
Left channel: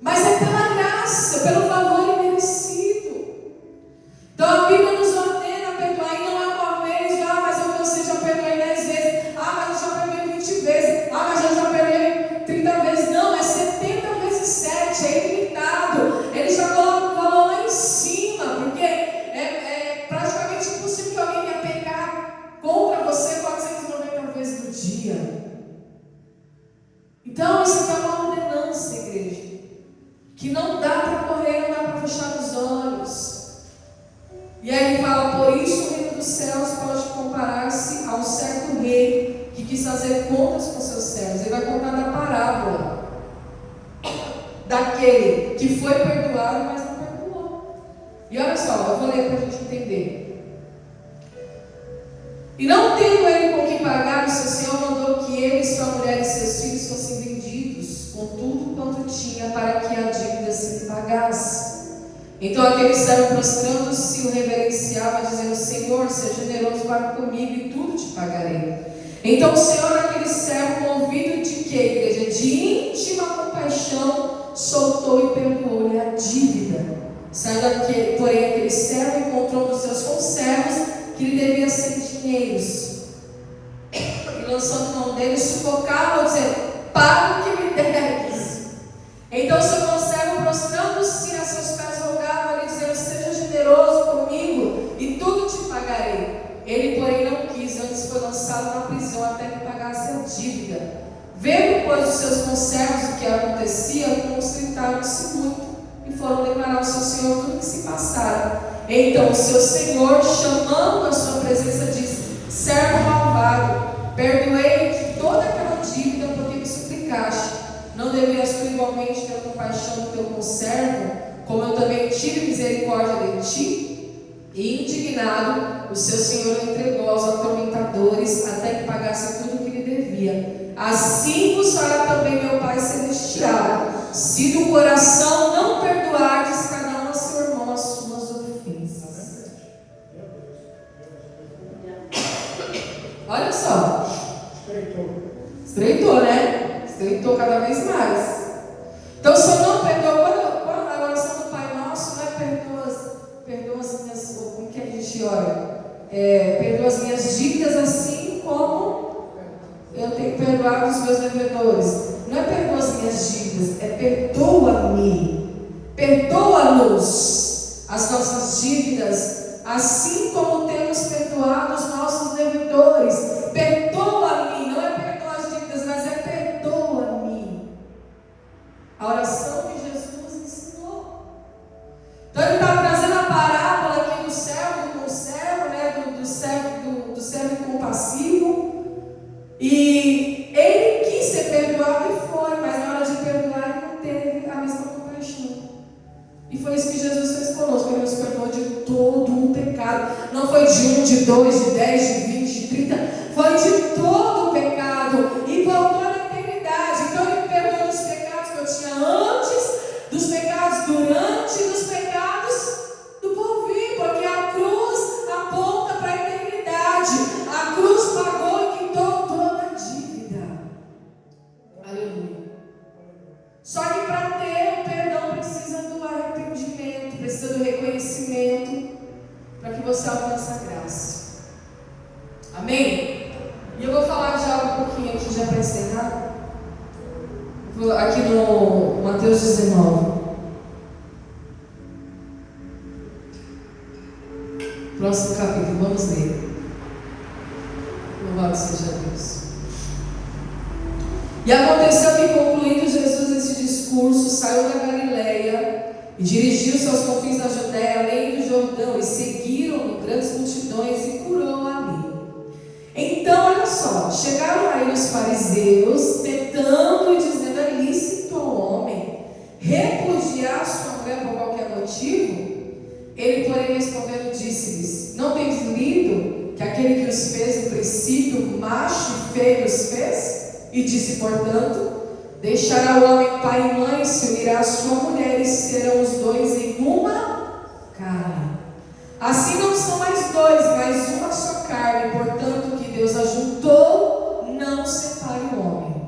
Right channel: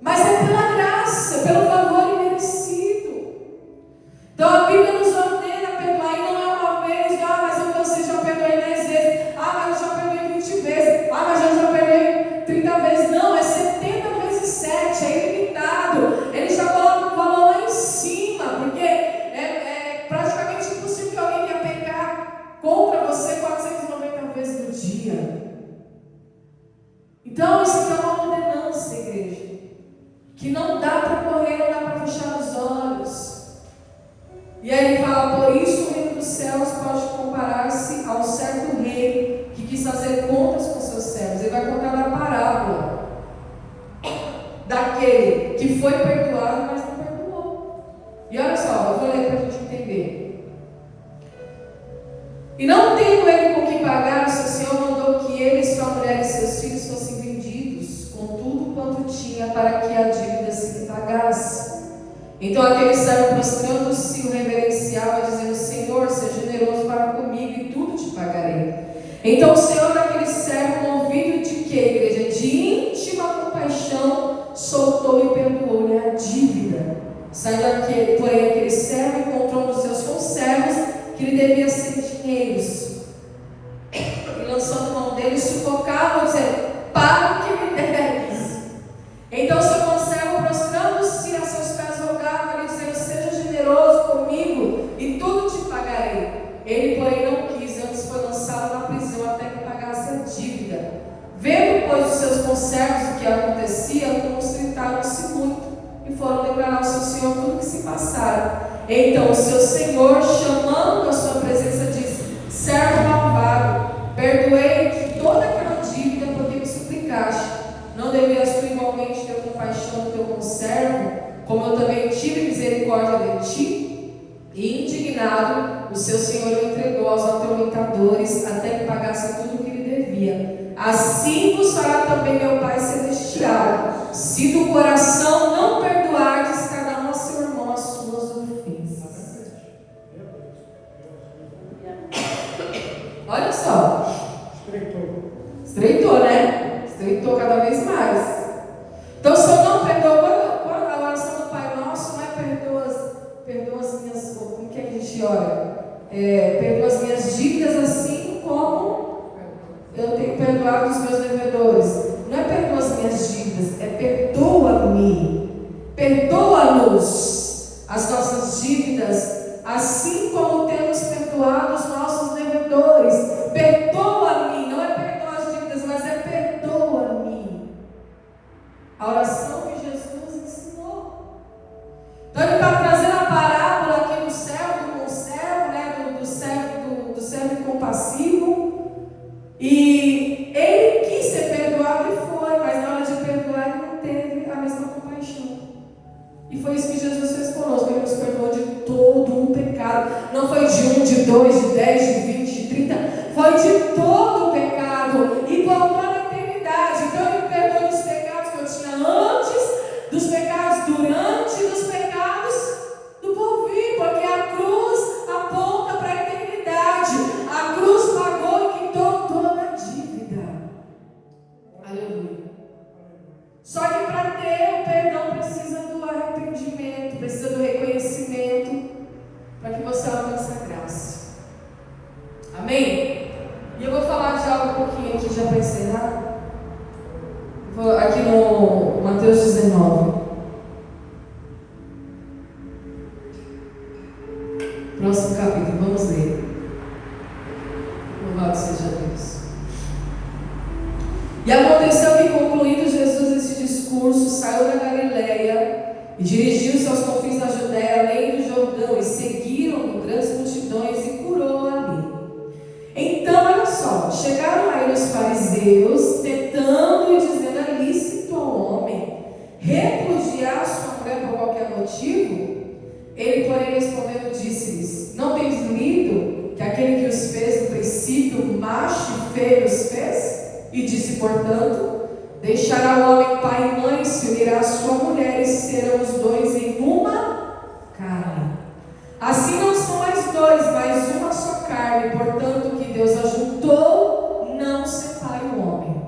mas é pela graça, pelo valor imerecido. Então a Bíblia nos ordena a perdoar, e não é uma vez, mas eu cansei, já perdoei 10 vezes, mas eu já perdoei 20 vezes, mas eu já perdoei 30 vezes. Não, é 70 vezes 7, é ilimitado. Ele já coloca o valor lá em cima, porque é praticamente impossível que alguém venha pecar contra você 490 vezes no dia. Então isso é uma ordenança, igreja, que não dá para correr, não dá para fechar os olhos. E aí ele fala: por isso o reino dos céus pode comparar-se a um certo rei que quis fazer contas com seus servos. Ele vai contar a parábola daquele que foi perdoado, mas não perdoou. E olha só, eu vou ler para a gente entender. E não tendo ele com que pagar, o seu senhor mandou que ele, sua mulher e seus filhos fossem vendidos, com tudo quanto tinha, para que a dívida se lhe pagasse. Então aquele servo, prostrando-se, o reverenciava, dizendo: Senhor, seja generoso para comigo e tudo te pagarei. Então o Senhor, aquele servo, movido de quê, igreja? De íntima compaixão, soltou e perdoou-lhe a dívida. Saindo porém aquele servo, encontrou dos seus conservos que lhe devia 100 dinheiros. E lançando mão dele, sufocava, dizendo: paga o que me deves. Então seu conservo, prostrando-se a seus pés, rogava-lhe, dizendo: seja generoso comigo e tudo te pagarei. Ele, porém, não quis, antes foi lançado na prisão até que pagasse a dívida. Vendo, pois, os seus conservos o que acontecia, constritaram-se muito e foram declarar ao seu senhor tudo que se Então o seu senhor, chamando a sua presença, disse: servo malvado, perdoei de toda aquela dívida porque me suplicaste. Não devias tu igualmente ter compaixão do teu conservo, como eu também tive misericórdia de ti? E indignado, o seu senhor o entregou aos atormentadores até que pagasse tudo o que lhe devia. Assim vos fará também meu Pai Celestial, se do coração não perdoardes cada um a seu irmão as suas ofensas. Olha só. Estreitou, né? Estreitou cada vez mais. Então, se eu não perdoo, quando a oração do Pai Nosso, não é perdoa as minhas, como que a gente ora? Perdoa as minhas dívidas assim como eu tenho perdoado os meus devedores. Não é perdoa as minhas dívidas, é perdoa-me, perdoa-nos as nossas dívidas, assim como temos perdoado os nossos devedores. Perdoa-me, não é perdoa as dívidas, mas é perdoa-me. A oração que Jesus nos ensinou. Então ele está trazendo a parábola aqui do servo com o servo, né? do servo compassivo. E ele quis ser perdoado e foi, mas na hora de perdoar ele não teve a mesma compaixão. E foi isso que Jesus fez conosco. Ele nos perdoou de todo o pecado. Não foi de 1, de 2, de 10, de 20, de 30. Foi de todo o pecado. E por toda a eternidade. Então ele me perdoou dos pecados que eu tinha antes, dos pecados durante e dos pecados do porvir. Porque a cruz aponta para a eternidade. A cruz pagou e quitou toda a dívida. Aleluia. Só que para ter o perdão precisa do arrependimento, precisa do reconhecimento, para que você alcance a graça. Amém? E eu vou falar de algo um pouquinho aqui já para encerrar. Aqui no Mateus 19. Próximo capítulo, vamos ler. Louvado seja Deus. E aconteceu que, concluído Jesus esse discurso, saiu da Galileia e dirigiu-se aos confins da Judéia, além do Jordão, e seguiram grandes multidões e curou ali. Então, olha só, chegaram a ele os fariseus, tentando e dizendo: é lícito ao homem repudiar sua mulher por qualquer motivo? Ele, porém, respondendo, disse-lhes: não tens lido que aquele que os fez no princípio, macho e feio os fez? E disse, portanto: deixará o homem pai e mãe, se unirá à sua mulher, e serão os dois em uma carne. Assim não são mais dois, mas uma só carne. Portanto, o que Deus ajuntou, não separe o homem.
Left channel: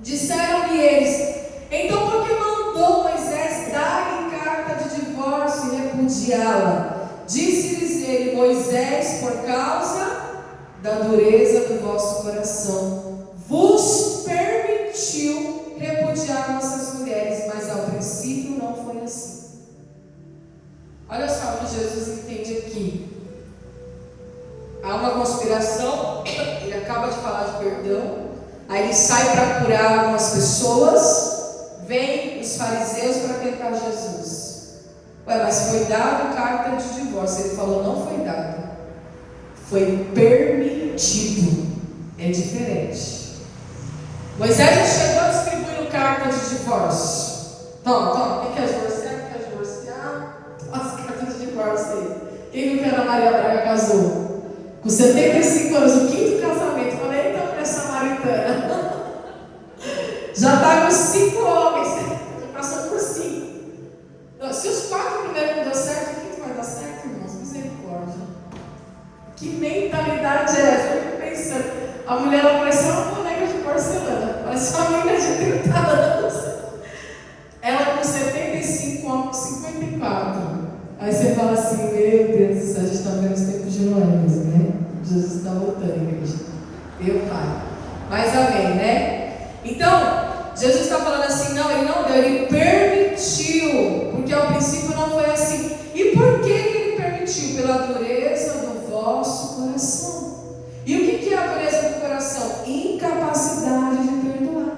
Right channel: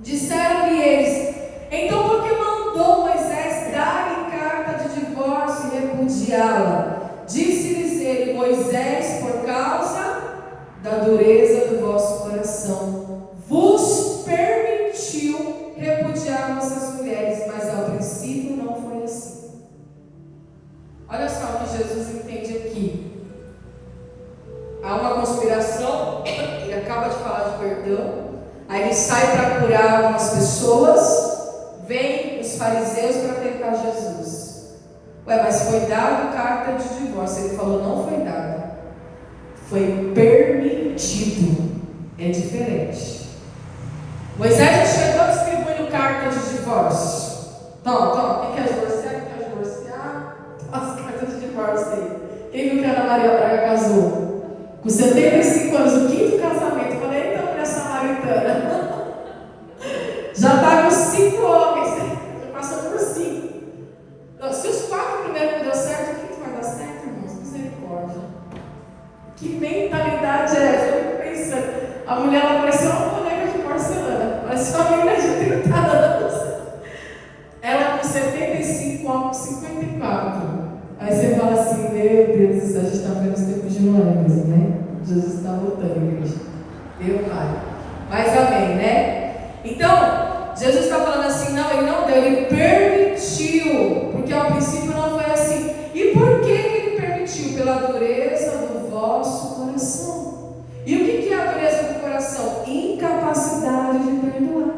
Disseram-lhe eles: então por que mandou Moisés dar-lhe carta de divórcio e repudiá-la? Disse-lhes ele: Moisés, por causa da dureza do vosso coração, vos permitiu repudiar vossas mulheres, mas ao princípio não foi assim. Olha só o que Jesus entende aqui. Há uma conspiração, ele acaba de falar de perdão, aí ele sai para curar algumas pessoas, vem os fariseus para tentar Jesus. Ué, mas foi dado carta de divórcio. Ele falou: não foi dado, foi permitido. É diferente. Moisés já chegou distribuindo carta de divórcio. Toma, quem quer divorciar? Quem quer divorciar? As cartas de divórcio aí. Quem nunca Ana Maria Braga casou? Com 75 anos, o quinto casamento. Falei, então, mulher samaritana. Já está com 5 homens, já passou por 5. Se os 4 primeiros não deu certo, o quinto vai dar certo, irmãos? Misericórdia. Que mentalidade é essa? Eu fico pensando. A mulher, ela parecia uma boneca de porcelana, parecia uma menina de 30 anos. Ela com 75, homem com 54. Aí você fala assim: meu Deus do céu, a gente está vendo os tempos de Noé mesmo, né? Jesus está voltando, igreja. Meu Pai. Mas amém, né? Então, Jesus está falando assim: não, ele não deu, ele permitiu, porque ao princípio não foi assim. E por que ele permitiu? Pela dureza do vosso coração. E o que é a dureza do coração? Incapacidade de perdoar.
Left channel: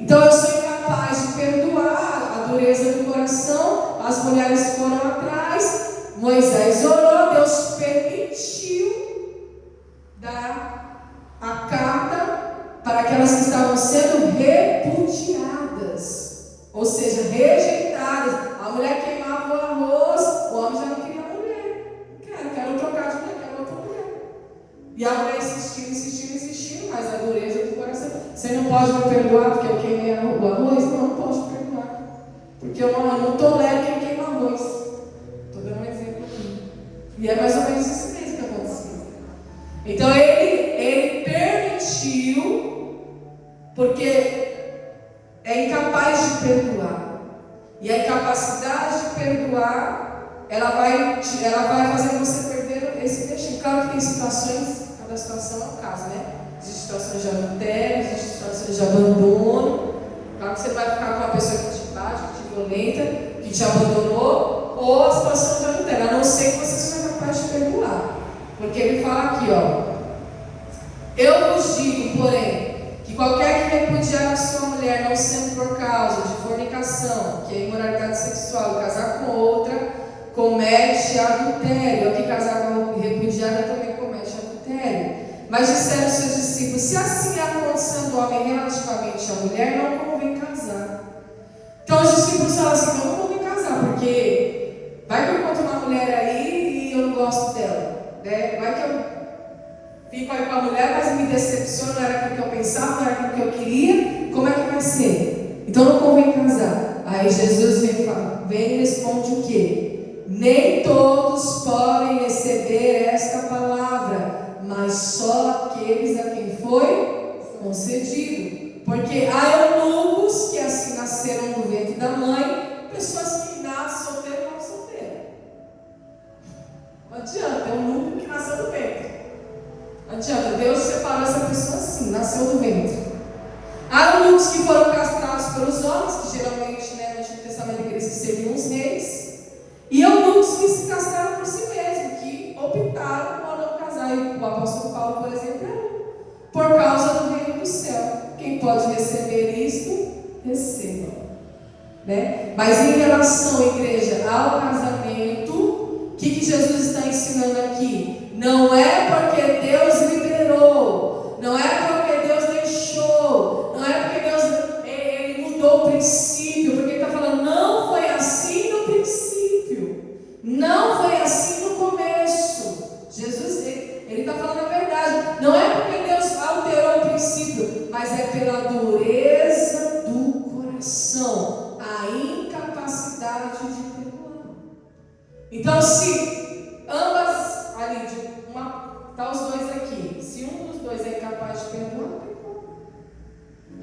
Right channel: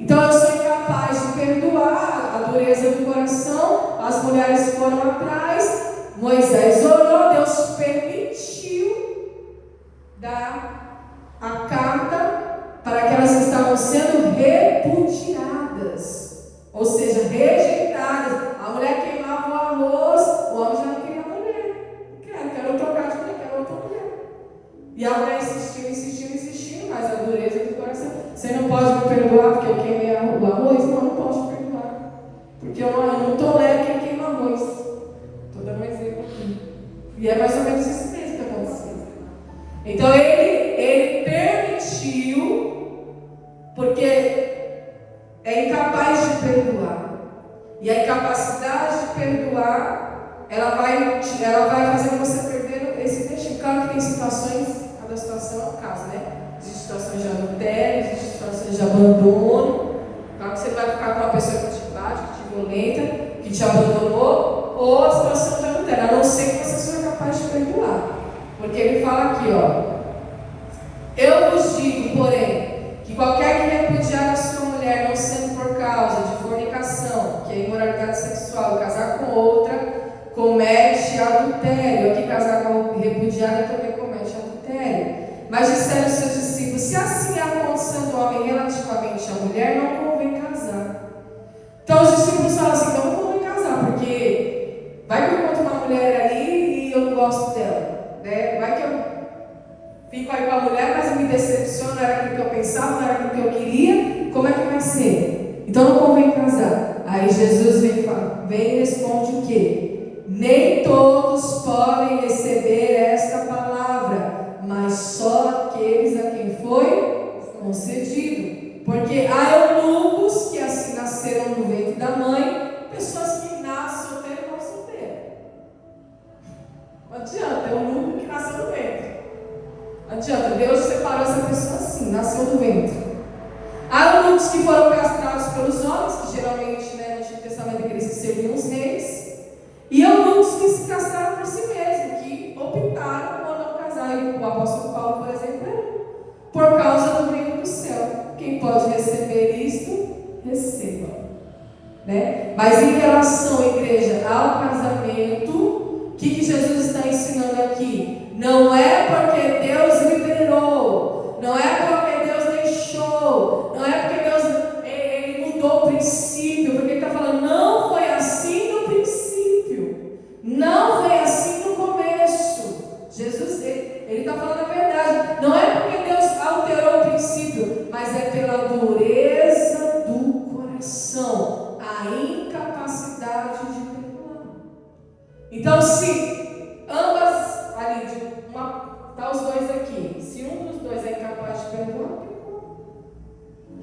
Então eu sou incapaz de perdoar. A dureza do coração, as mulheres foram atrás, Moisés orou, Deus permitiu dar a carta para aquelas que estavam sendo repudiadas, ou seja, rejeitadas. A mulher queimava o arroz, o homem já não queria a mulher. Quero trocar de mulher, quero outra mulher. E a mulher insistiu, mas a dureza do coração. Você não pode me perdoar porque eu queimei o arroz? Não posso perdoar. Porque eu não tolero quem queima arroz. Estou dando um exemplo aqui. E é mais ou menos isso mesmo que aconteceu. Então ele permitiu, porque é incapaz de perdoar. E a incapacidade de perdoar, ela vai fazer você perder esse destino. Claro que tem situações, cada situação é um caso, né? Existem situações de adultério, existem situações de abandono. Claro que você vai ficar com uma pessoa que te bate, que te violenta, que te abandonou, ou a situação de adultério, a não ser que você seja capaz de perdoar. Porque ele fala aqui, ó. Eu vos digo, porém, que qualquer que repudiar a sua mulher, não sendo por causa de fornicação, que é imoralidade sexual, e casar com outra, comete adultério. Aqui casar com repudiada também comete adultério. Mas disseram os seus discípulos: se assim é a condição do homem relativamente à mulher, não convém casar. Então os discípulos falam assim: então não convém casar, porque vai que eu encontro uma mulher aí e eu não gosto dela, né? Vai que eu fico aí com a mulher, mas me decepciona, não era aquilo que eu pensava, não era aquilo que eu queria, como é que vai ser? Então não convém casar. Aí Jesus vem e responde o quê? Nem todos podem receber esta palavra, mas só aqueles a quem foi concedido. Porque há eunucos que assim nasceram no ventre da mãe, pessoas que nascem solteiras ou solteiras. Não adianta, é um eunuco que nasceu no ventre. Não adianta, Deus separou essa pessoa assim, nasceu no ventre. Há eunucos que foram castrados pelos homens, que geralmente, né, no Antigo Testamento eles serviam os reis. E eunucos que se castraram por si mesmos, que optaram por não casar. E o apóstolo Paulo, por exemplo, é por causa do reino do céu. Quem pode receber isto, receba. Né? Mas em relação, igreja, ao casamento, o que Jesus está ensinando aqui? Não é porque Deus liberou, não é porque Deus deixou, não é porque Deus ele mudou o princípio, porque ele está falando, não foi assim no princípio, não foi assim no começo. Jesus, ele está falando a verdade, não é porque Deus alterou o princípio, mas é pela dureza do coração, a incapacidade de perdoar. Então, se ambas ali, tá os dois aqui, se um dos dois é incapaz de perdoar,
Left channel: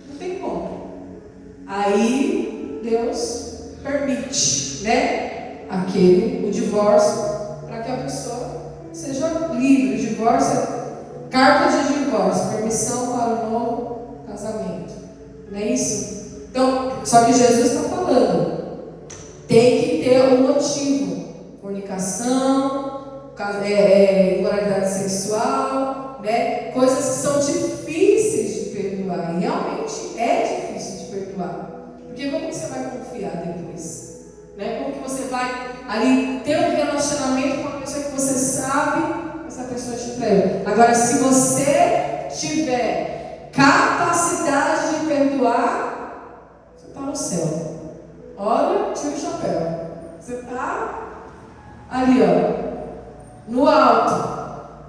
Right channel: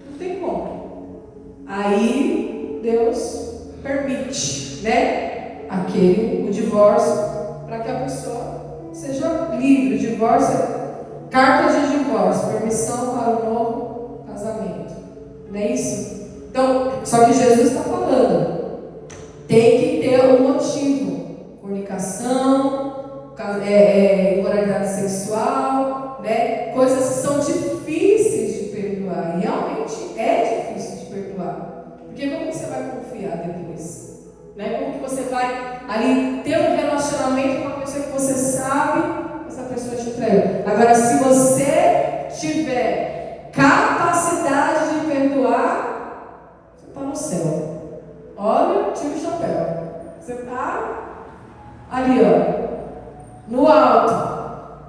não tem como. Aí Deus permite, né, o divórcio, para que a pessoa seja livre. O divórcio, carta de divórcio, permissão para o novo casamento, não é isso? Então, só que Jesus está falando, tem que ter um motivo. Fornicação, imoralidade sexual, né? Coisas que são difíceis de perdoar. E realmente é difícil de perdoar. Porque como que você vai confiar depois? Né? Como que você vai ali ter um relacionamento com uma pessoa que você sabe que essa pessoa te traiu? Agora, se você tiver capacidade de perdoar, você está no céu. Olha, tira o chapéu. Você está ali, ó, no alto.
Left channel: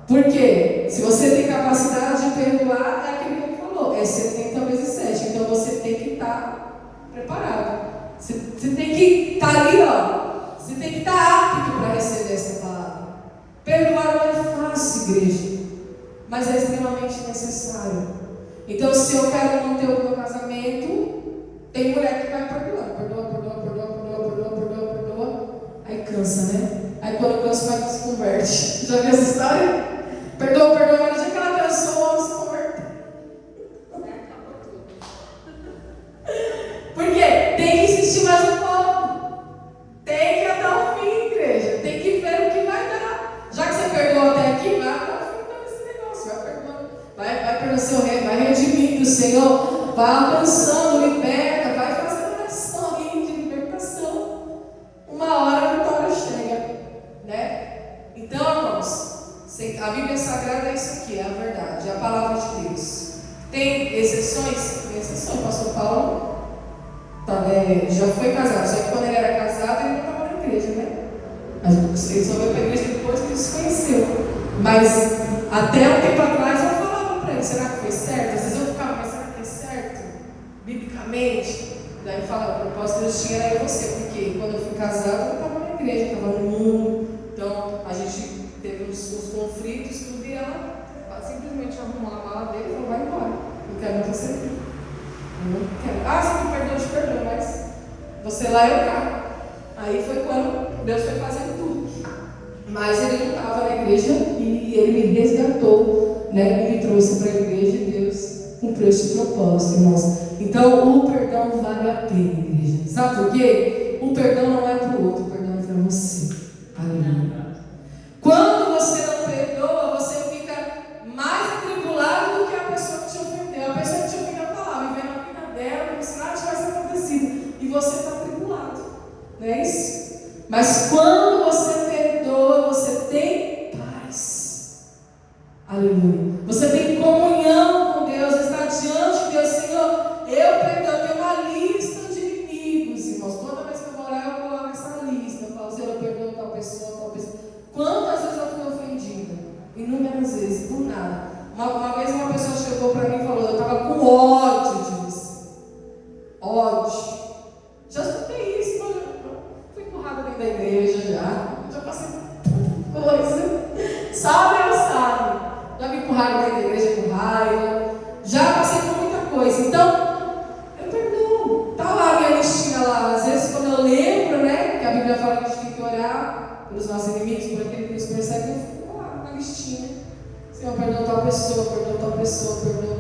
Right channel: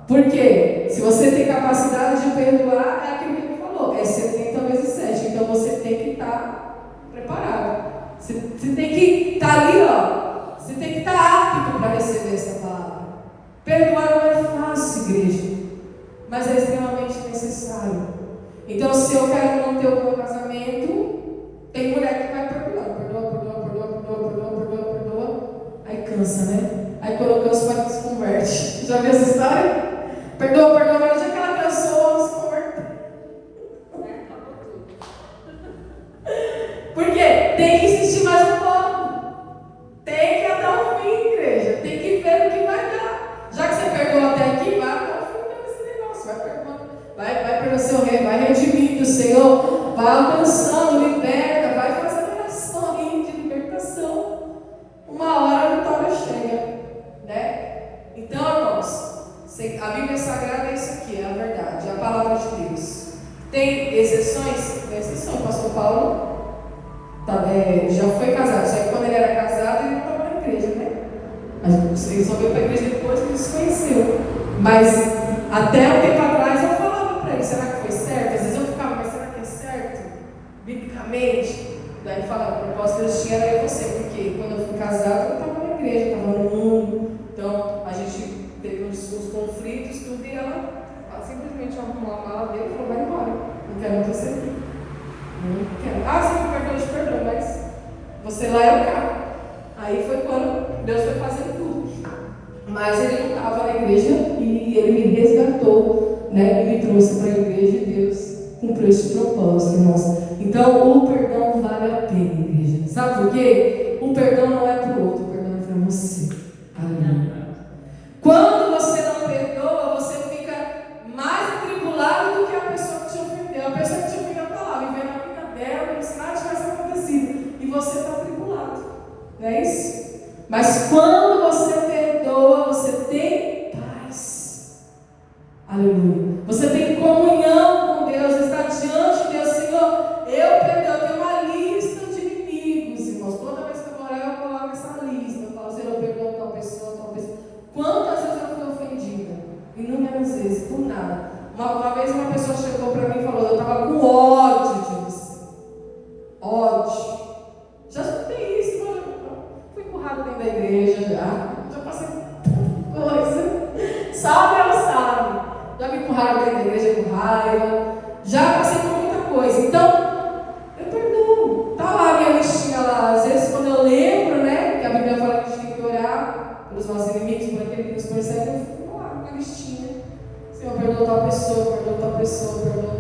Por quê? Se você tem capacidade de perdoar, é aquilo que ele falou, é 70 vezes 7. Então você tem que estar preparado. Você tem que estar ali, ó. Você tem que estar apto para receber essa palavra. Perdoar não é fácil, igreja, mas é extremamente necessário. Então, se eu quero manter o meu casamento, tem mulher que vai perdoando. Aí cansa, né? Aí quando cansa, vai se converte. Já viu essa história? Perdoa, mas no dia que ela cansou, se converte. Por quê? Tem que insistir mais um pouco. Tem que ir até o fim, igreja. Tem que ver o que vai dar. Já que você perdoou até aqui, vai até o fim desse negócio. Vai perdoando. Vai pelo seu rei, vai redimindo o Senhor. Vai alcançando, liberta, vai fazendo oração de libertação. Uma Tem exceções? Tem exceções. O pastor Paulo já foi casado. Já que quando ele era casado, ele não estava na igreja, né? Ele só veio para a igreja depois que ele se conheceu. Mas até um tempo atrás eu falava para ele, será que foi certo? Às vezes eu ficava, mas será que é certo? Biblicamente? Daí ele falava, o propósito de Deus tinha era você, porque quando eu fui casado, eu estava na igreja, estava no mundo. Então a gente teve uns conflitos, tudo, e ela simplesmente arrumou a mala dele e falou, vai embora, não quero mais você aqui. Não quero. Ah, você me perdoa, eu te perdoo, mas você lá é o cara. Aí foi quando Deus foi fazendo tudo. Mas ele não estava na igreja e ele me resgatou, né? E me trouxe para a igreja e Deus cumpriu esse propósito, irmãos. Então o perdão vale a pena, igreja. Sabe por quê? O perdão não é para o outro, o perdão é para você. Amém. Quando você não perdoa, você fica mais atribulado do que a pessoa que te ofendeu. A pessoa que te ofendeu está lá, vivendo a vida dela, como se nada tivesse acontecido. E você está atribulado. Não é isso? Mas quando você perdoa, você tem paz. Aleluia. Você tem comunhão com Deus, está diante de Deus. Senhor, eu perdoo. Tem uma lista de inimigos, irmãos. Toda vez que eu vou lá, eu coloco essa lista. Eu falo, Senhor, eu perdoo tal pessoa, tal pessoa. Quantas vezes eu fui ofendida? Inúmeras vezes, por nada. Uma vez uma pessoa chegou para mim e falou, eu estava com ódio de você. Ódio. Já escutei isso, mas eu fui empurrada dentro da igreja já passei coisa. Sabe ou sabe? Já me empurraram dentro da igreja com raiva. Já passei por muita coisa. Então, eu perdoo. Está lá a minha listinha lá. Às vezes, quando eu lembro, né? Que a Bíblia fala que a gente tem que orar pelos nossos inimigos, por aquele que nos persegue, eu fico lá na listinha. Senhor, perdoa tal pessoa, perdoa tal pessoa, perdoa.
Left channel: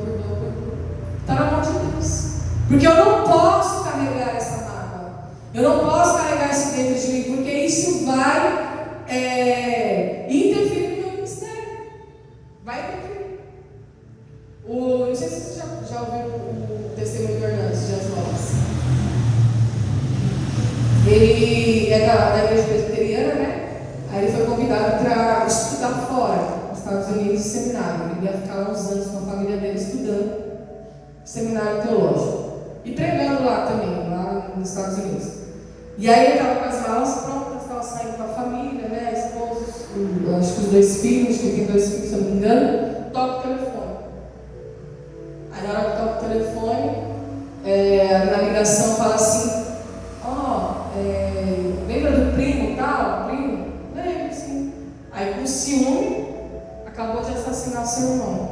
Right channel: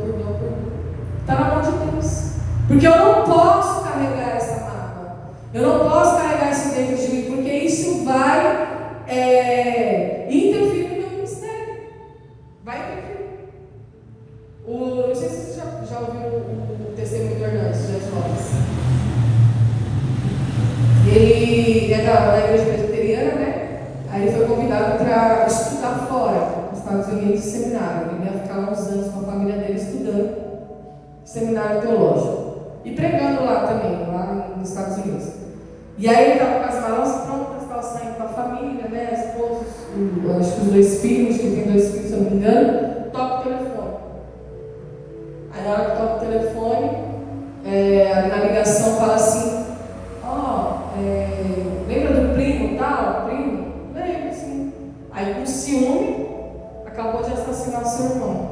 Está na mão de Deus. Porque eu não posso carregar essa mágoa. Eu não posso carregar isso dentro de mim, porque isso vai interferir no meu ministério. Vai interferir. Não sei se vocês já ouviram o testemunho do Hernandes, de Flores. Ele é da igreja presbiteriana, né? Aí ele foi convidado para estudar fora, nos Estados Unidos, seminário. Ele ia ficar uns anos com a família dele estudando seminário teológico. E pregando lá também, lá nos Estados Unidos. E aí ele estava com as malas prontas, estava saindo com a família, né? Esposos, acho que os 2 filhos, que tem 2 filhos, se eu não me engano, toca o telefone. Aí na hora que toca o telefone, na ligação fala assim, lembra do primo tal? Primo? Lembro, sim. Aí com ciúme, acabou de assassinar o seu irmão.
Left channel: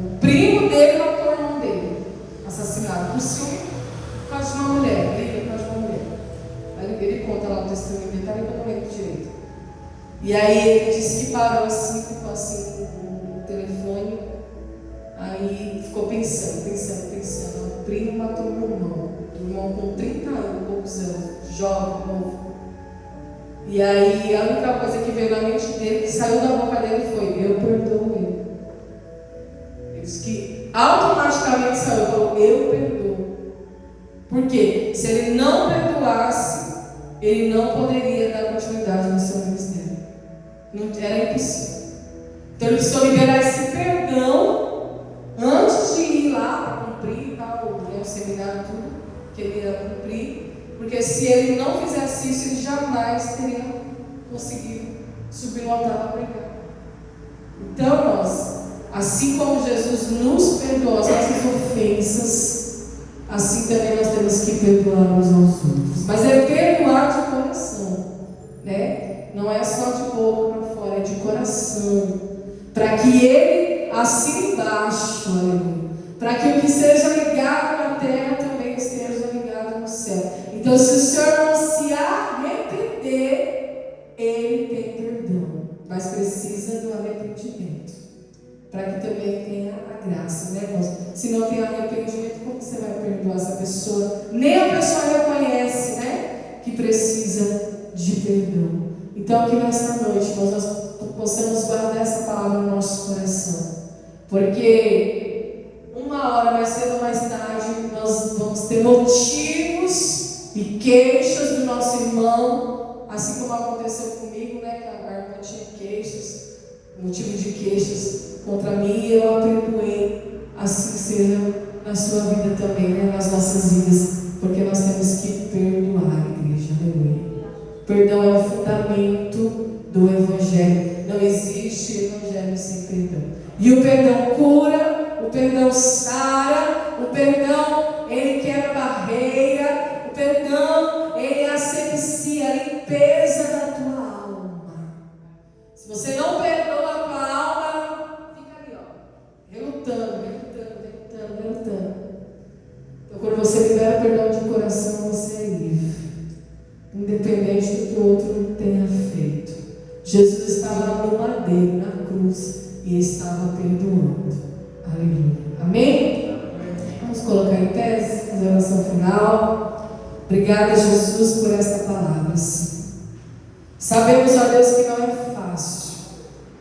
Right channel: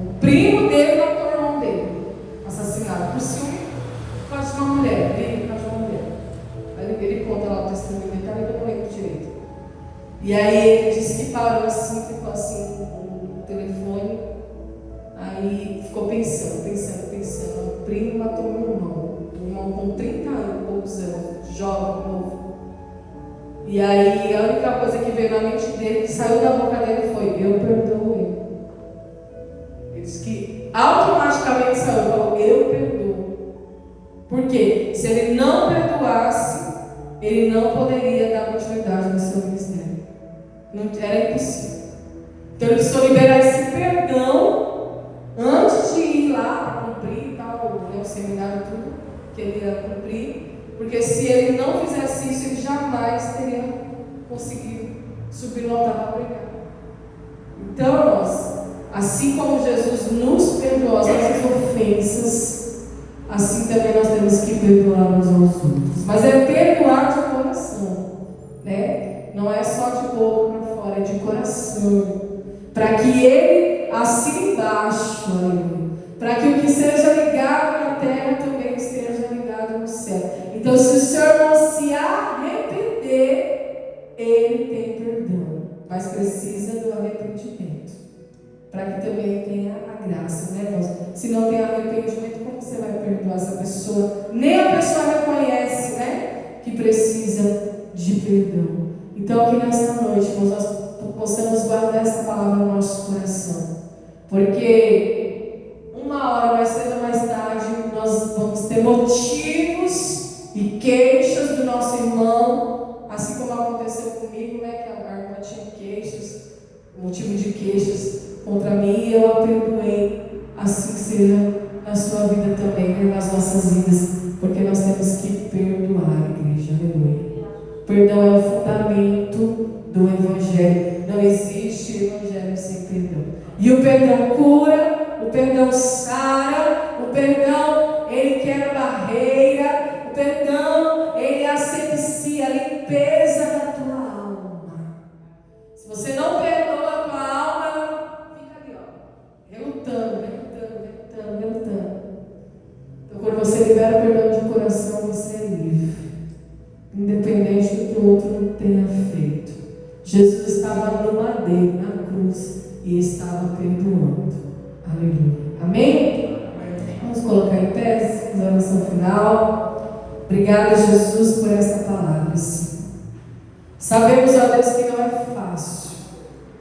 O primo dele matou o irmão dele, assassinado. Por ciúme, por causa de uma mulher, briga por causa de uma mulher. Aí ele conta lá o testemunho dele, eu não lembro direito. E aí ele disse que parou assim, ficou assim no telefone. Aí ficou pensando. O primo matou meu irmão. O irmão com 30 anos, poucos anos, jovem, novo. E aí a única coisa que veio na mente dele, que saiu da boca dele foi, eu perdoo ele. Ele disse que automaticamente saiu, eu perdoo. Por quê? Se ele não perdoasse, ele não poderia dar continuidade no seu ministério. Não, era impossível. Então ele precisou liberar esse perdão antes de ir lá para cumprir o seminário, tudo que ele ia cumprir. Porque se ele não fizesse isso, ele jamais teria conseguido subir no altar para pregar. Então, assim como Jesus nos perdoou as nossas ofensas, assim também nós temos que perdoar uns aos outros. Mas é perdoar de coração, né? Não é só de boca para fora, é de coração. Para que ele assine embaixo, para que o que seja ligado na terra também esteja ligado no céu. Então, se o Senhor não se arrepender, ele tem perdão, mas precisa do arrependimento, para que também tenha a graça, né, irmãos? Se não tem arrependimento, como você vai perdoar essa pessoa? Nem a pessoa reconhece, né, que precisa de perdão. Então, que nessa noite nós possamos guardar essa palavra no nosso coração, porque uma hora mais cedo ou mais tarde nós vamos ter motivos e queixas do nosso irmão, assim como aconteceu comigo, né, que a irmã tinha queixas, motivo de queixas contra mim, e eu a perdoei. assim seja na sua vida também, né? Nas nossas vidas, porque nós temos que perdoar, igreja, aleluia. Perdão é o fundamento do Evangelho. Não existe Evangelho sem perdão. E o perdão cura, o perdão sara, o perdão, ele quebra barreira, o perdão, ele asepsia a limpeza da tua alma. Se você não perdoa a tua alma, fica ali, ó, relutando. Então, quando você libera perdão de coração, você é livre, independente do que o outro tenha feito. Jesus estava no madeiro, na cruz, e estava perdoando. Aleluia. Amém? Vamos colocar em pé, fazer a oração final. Obrigada, Jesus, por esta palavra, Senhor. Sabemos, ó Deus, que não é fácil.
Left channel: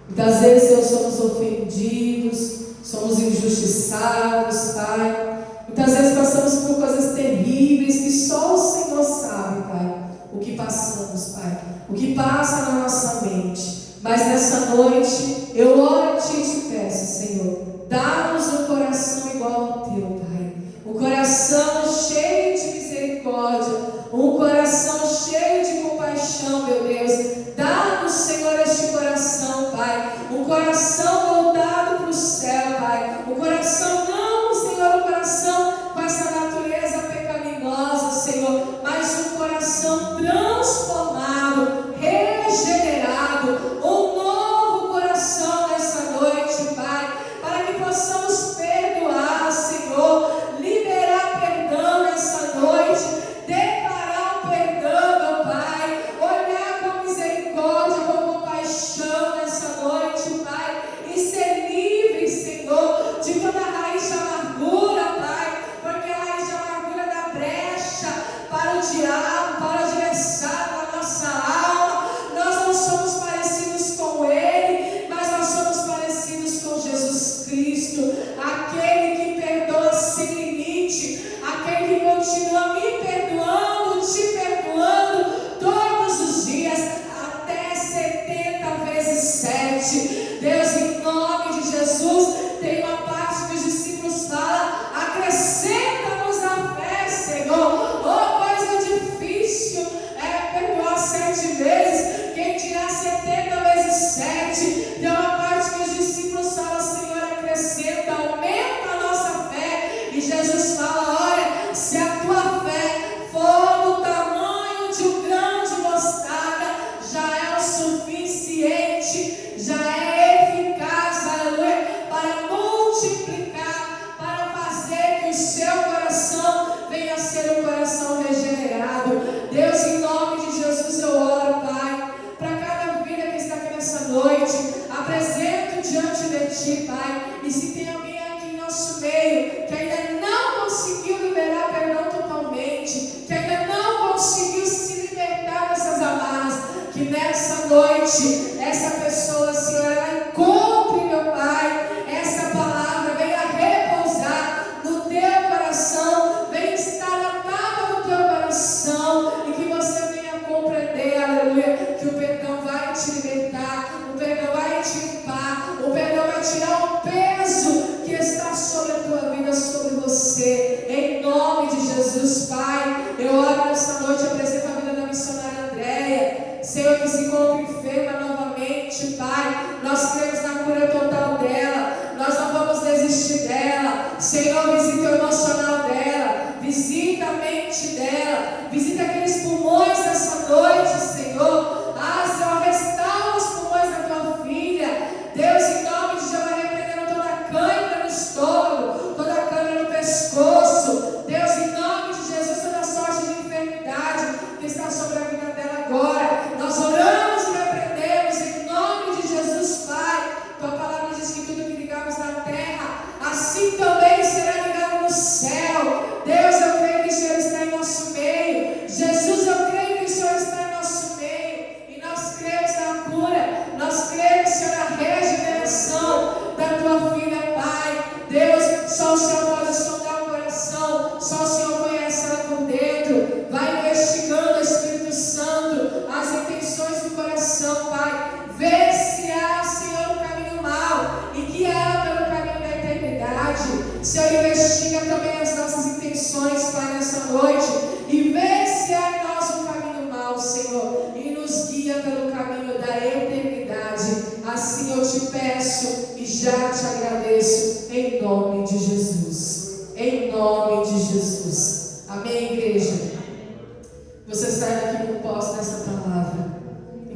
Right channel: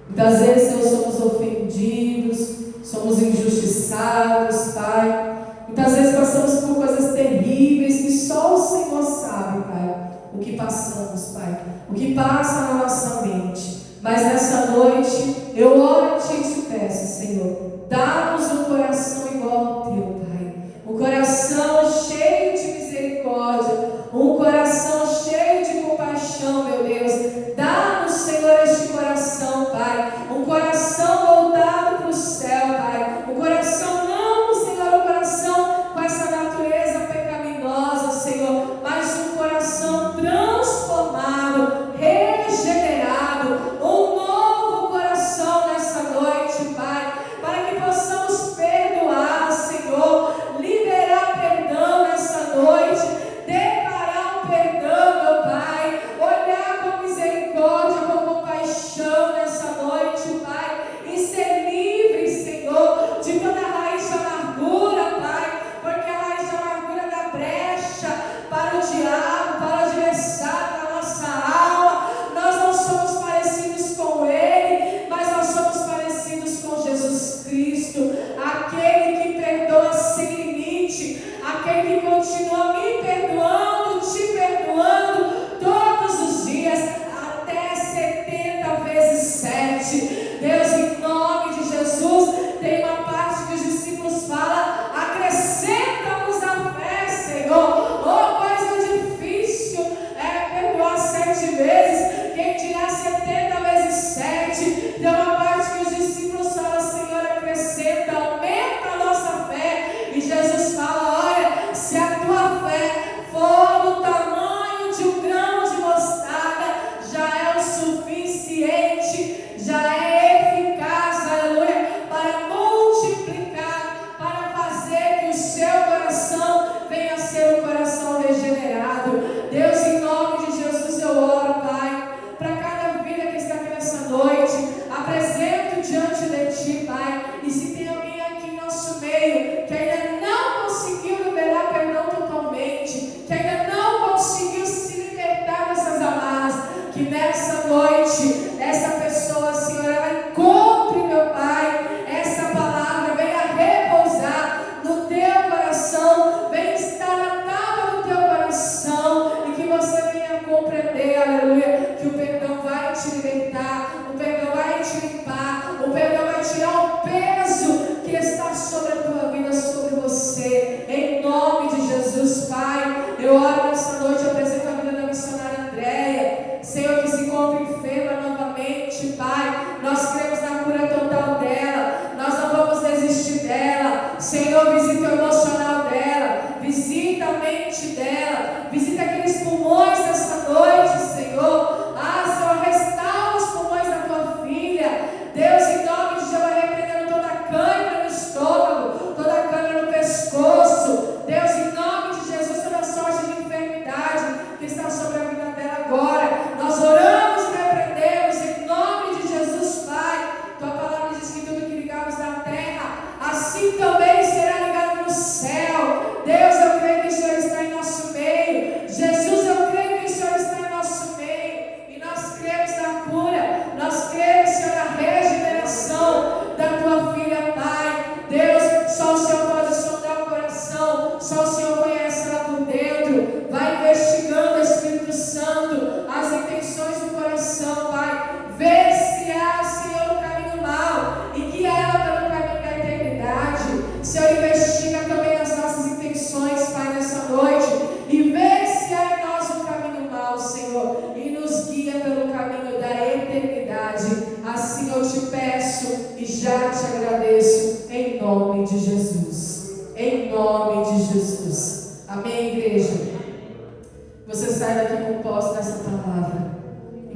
Muitas vezes, Senhor, somos ofendidos, somos injustiçados, Pai. Muitas vezes passamos por coisas terríveis que só o Senhor sabe, Pai, o que passamos, Pai, o que passa na nossa mente. Mas nessa noite, eu oro a Ti e te peço, Senhor, dá-nos um coração igual ao Teu, Pai. Um coração cheio de misericórdia, um coração cheio de compaixão, meu Deus. Dá-nos, Senhor, este coração, Pai. Um coração voltado para o céu, Pai. Um coração não, Senhor, um coração com essa natureza pecaminosa, Senhor, mas um coração transformado, regenerado, um novo coração nessa noite, Pai, para que possamos perdoar, Senhor, liberar perdão nessa noite, declarar o perdão, meu Pai, olhar com misericórdia, com compaixão nessa noite, Pai, e ser livre, Senhor, de toda raiz de amargura, Pai, porque a raiz de amargura dá brecha para o diabo, para o adversário da nossa alma. Nós não somos parecidos com Ele, mas nós somos parecidos com Jesus Cristo, aquele que perdoa sem limite, aquele que continua me perdoando, te perdoando todos os dias, até 70 vezes 7. Deus, em nome de Jesus, tem uma parte que os discípulos falam: acrescenta-nos a fé, Senhor. Oh, coisa difícil é perdoar 7 vezes, quem dirá 70 vezes 7? Tem uma parte que os discípulos falam: Senhor, acrescenta, aumenta a nossa fé. E Jesus fala: olha, se a tua fé for do tamanho de um grão de mostarda, já é o suficiente, já é eficaz, aleluia, para multiplicar, para fazer que o seu coração venha a ser um coração regenerado. Deus, em nome de Jesus, eu oro, Pai, para cada vida que está aqui nessa noite, apresento diante de Ti, Pai, e se tem alguém aqui em nosso meio que ainda não conseguiu liberar perdão totalmente, que ainda não conseguiu se libertar dessas amarras, que nessa noite, essa pessoa, Senhor, ela encontre, meu Pai, essa palavra, venha repousar no Teu coração, venha estar na tábua do Teu coração, e que você venha compreender, aleluia, que o perdão vai te libertar, o perdão vai te limpar, o perdão vai tirar o peso que está sobre a tua vida, sobre você, em nome de Jesus, Pai. Eu oro nessa noite, apresento a vida da missionária Andréia, Senhor, que se encontra enferma novamente, Pai. Nós cremos na cura total dela, nós não vamos desistir dela. Senhor, visita o emocional dela, visita a mente dela, visita aqueles pulmões nessa noite, Senhor. Ah, Senhor, restaura os pulmões da tua filha. Deus, em nome de Jesus, repreendendo toda a cãibra no estômago, toda a cãibra no pescoço. Deus, em nome de Jesus, toda sorte de enfermidade que está sobre a vida dela agora, nós oramos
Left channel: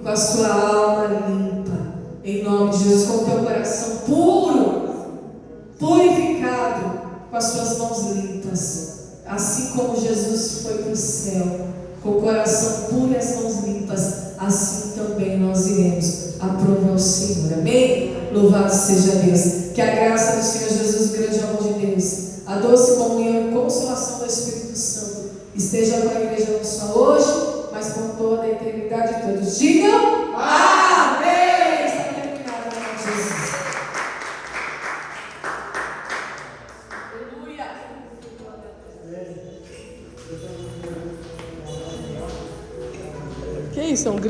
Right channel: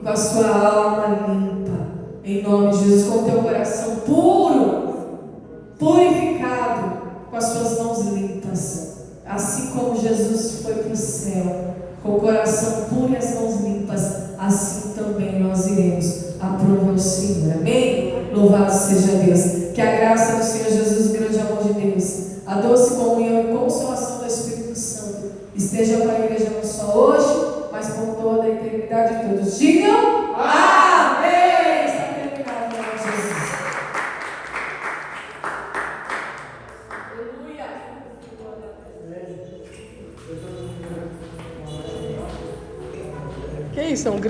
com a sua alma limpa, em nome de Jesus, com o teu coração puro, purificado, com as suas mãos limpas, assim como Jesus foi para o céu, com o coração puro e as mãos limpas, assim também nós iremos aprovar o Senhor, amém? Louvado seja Deus, que a graça do Senhor Jesus, o grande amor de Deus, a doce comunhão e consolação do Espírito Santo esteja com a igreja não só hoje, mas por toda a eternidade. Todos digam amém. Está terminado em nome de Jesus. Aleluia. Que isso? É um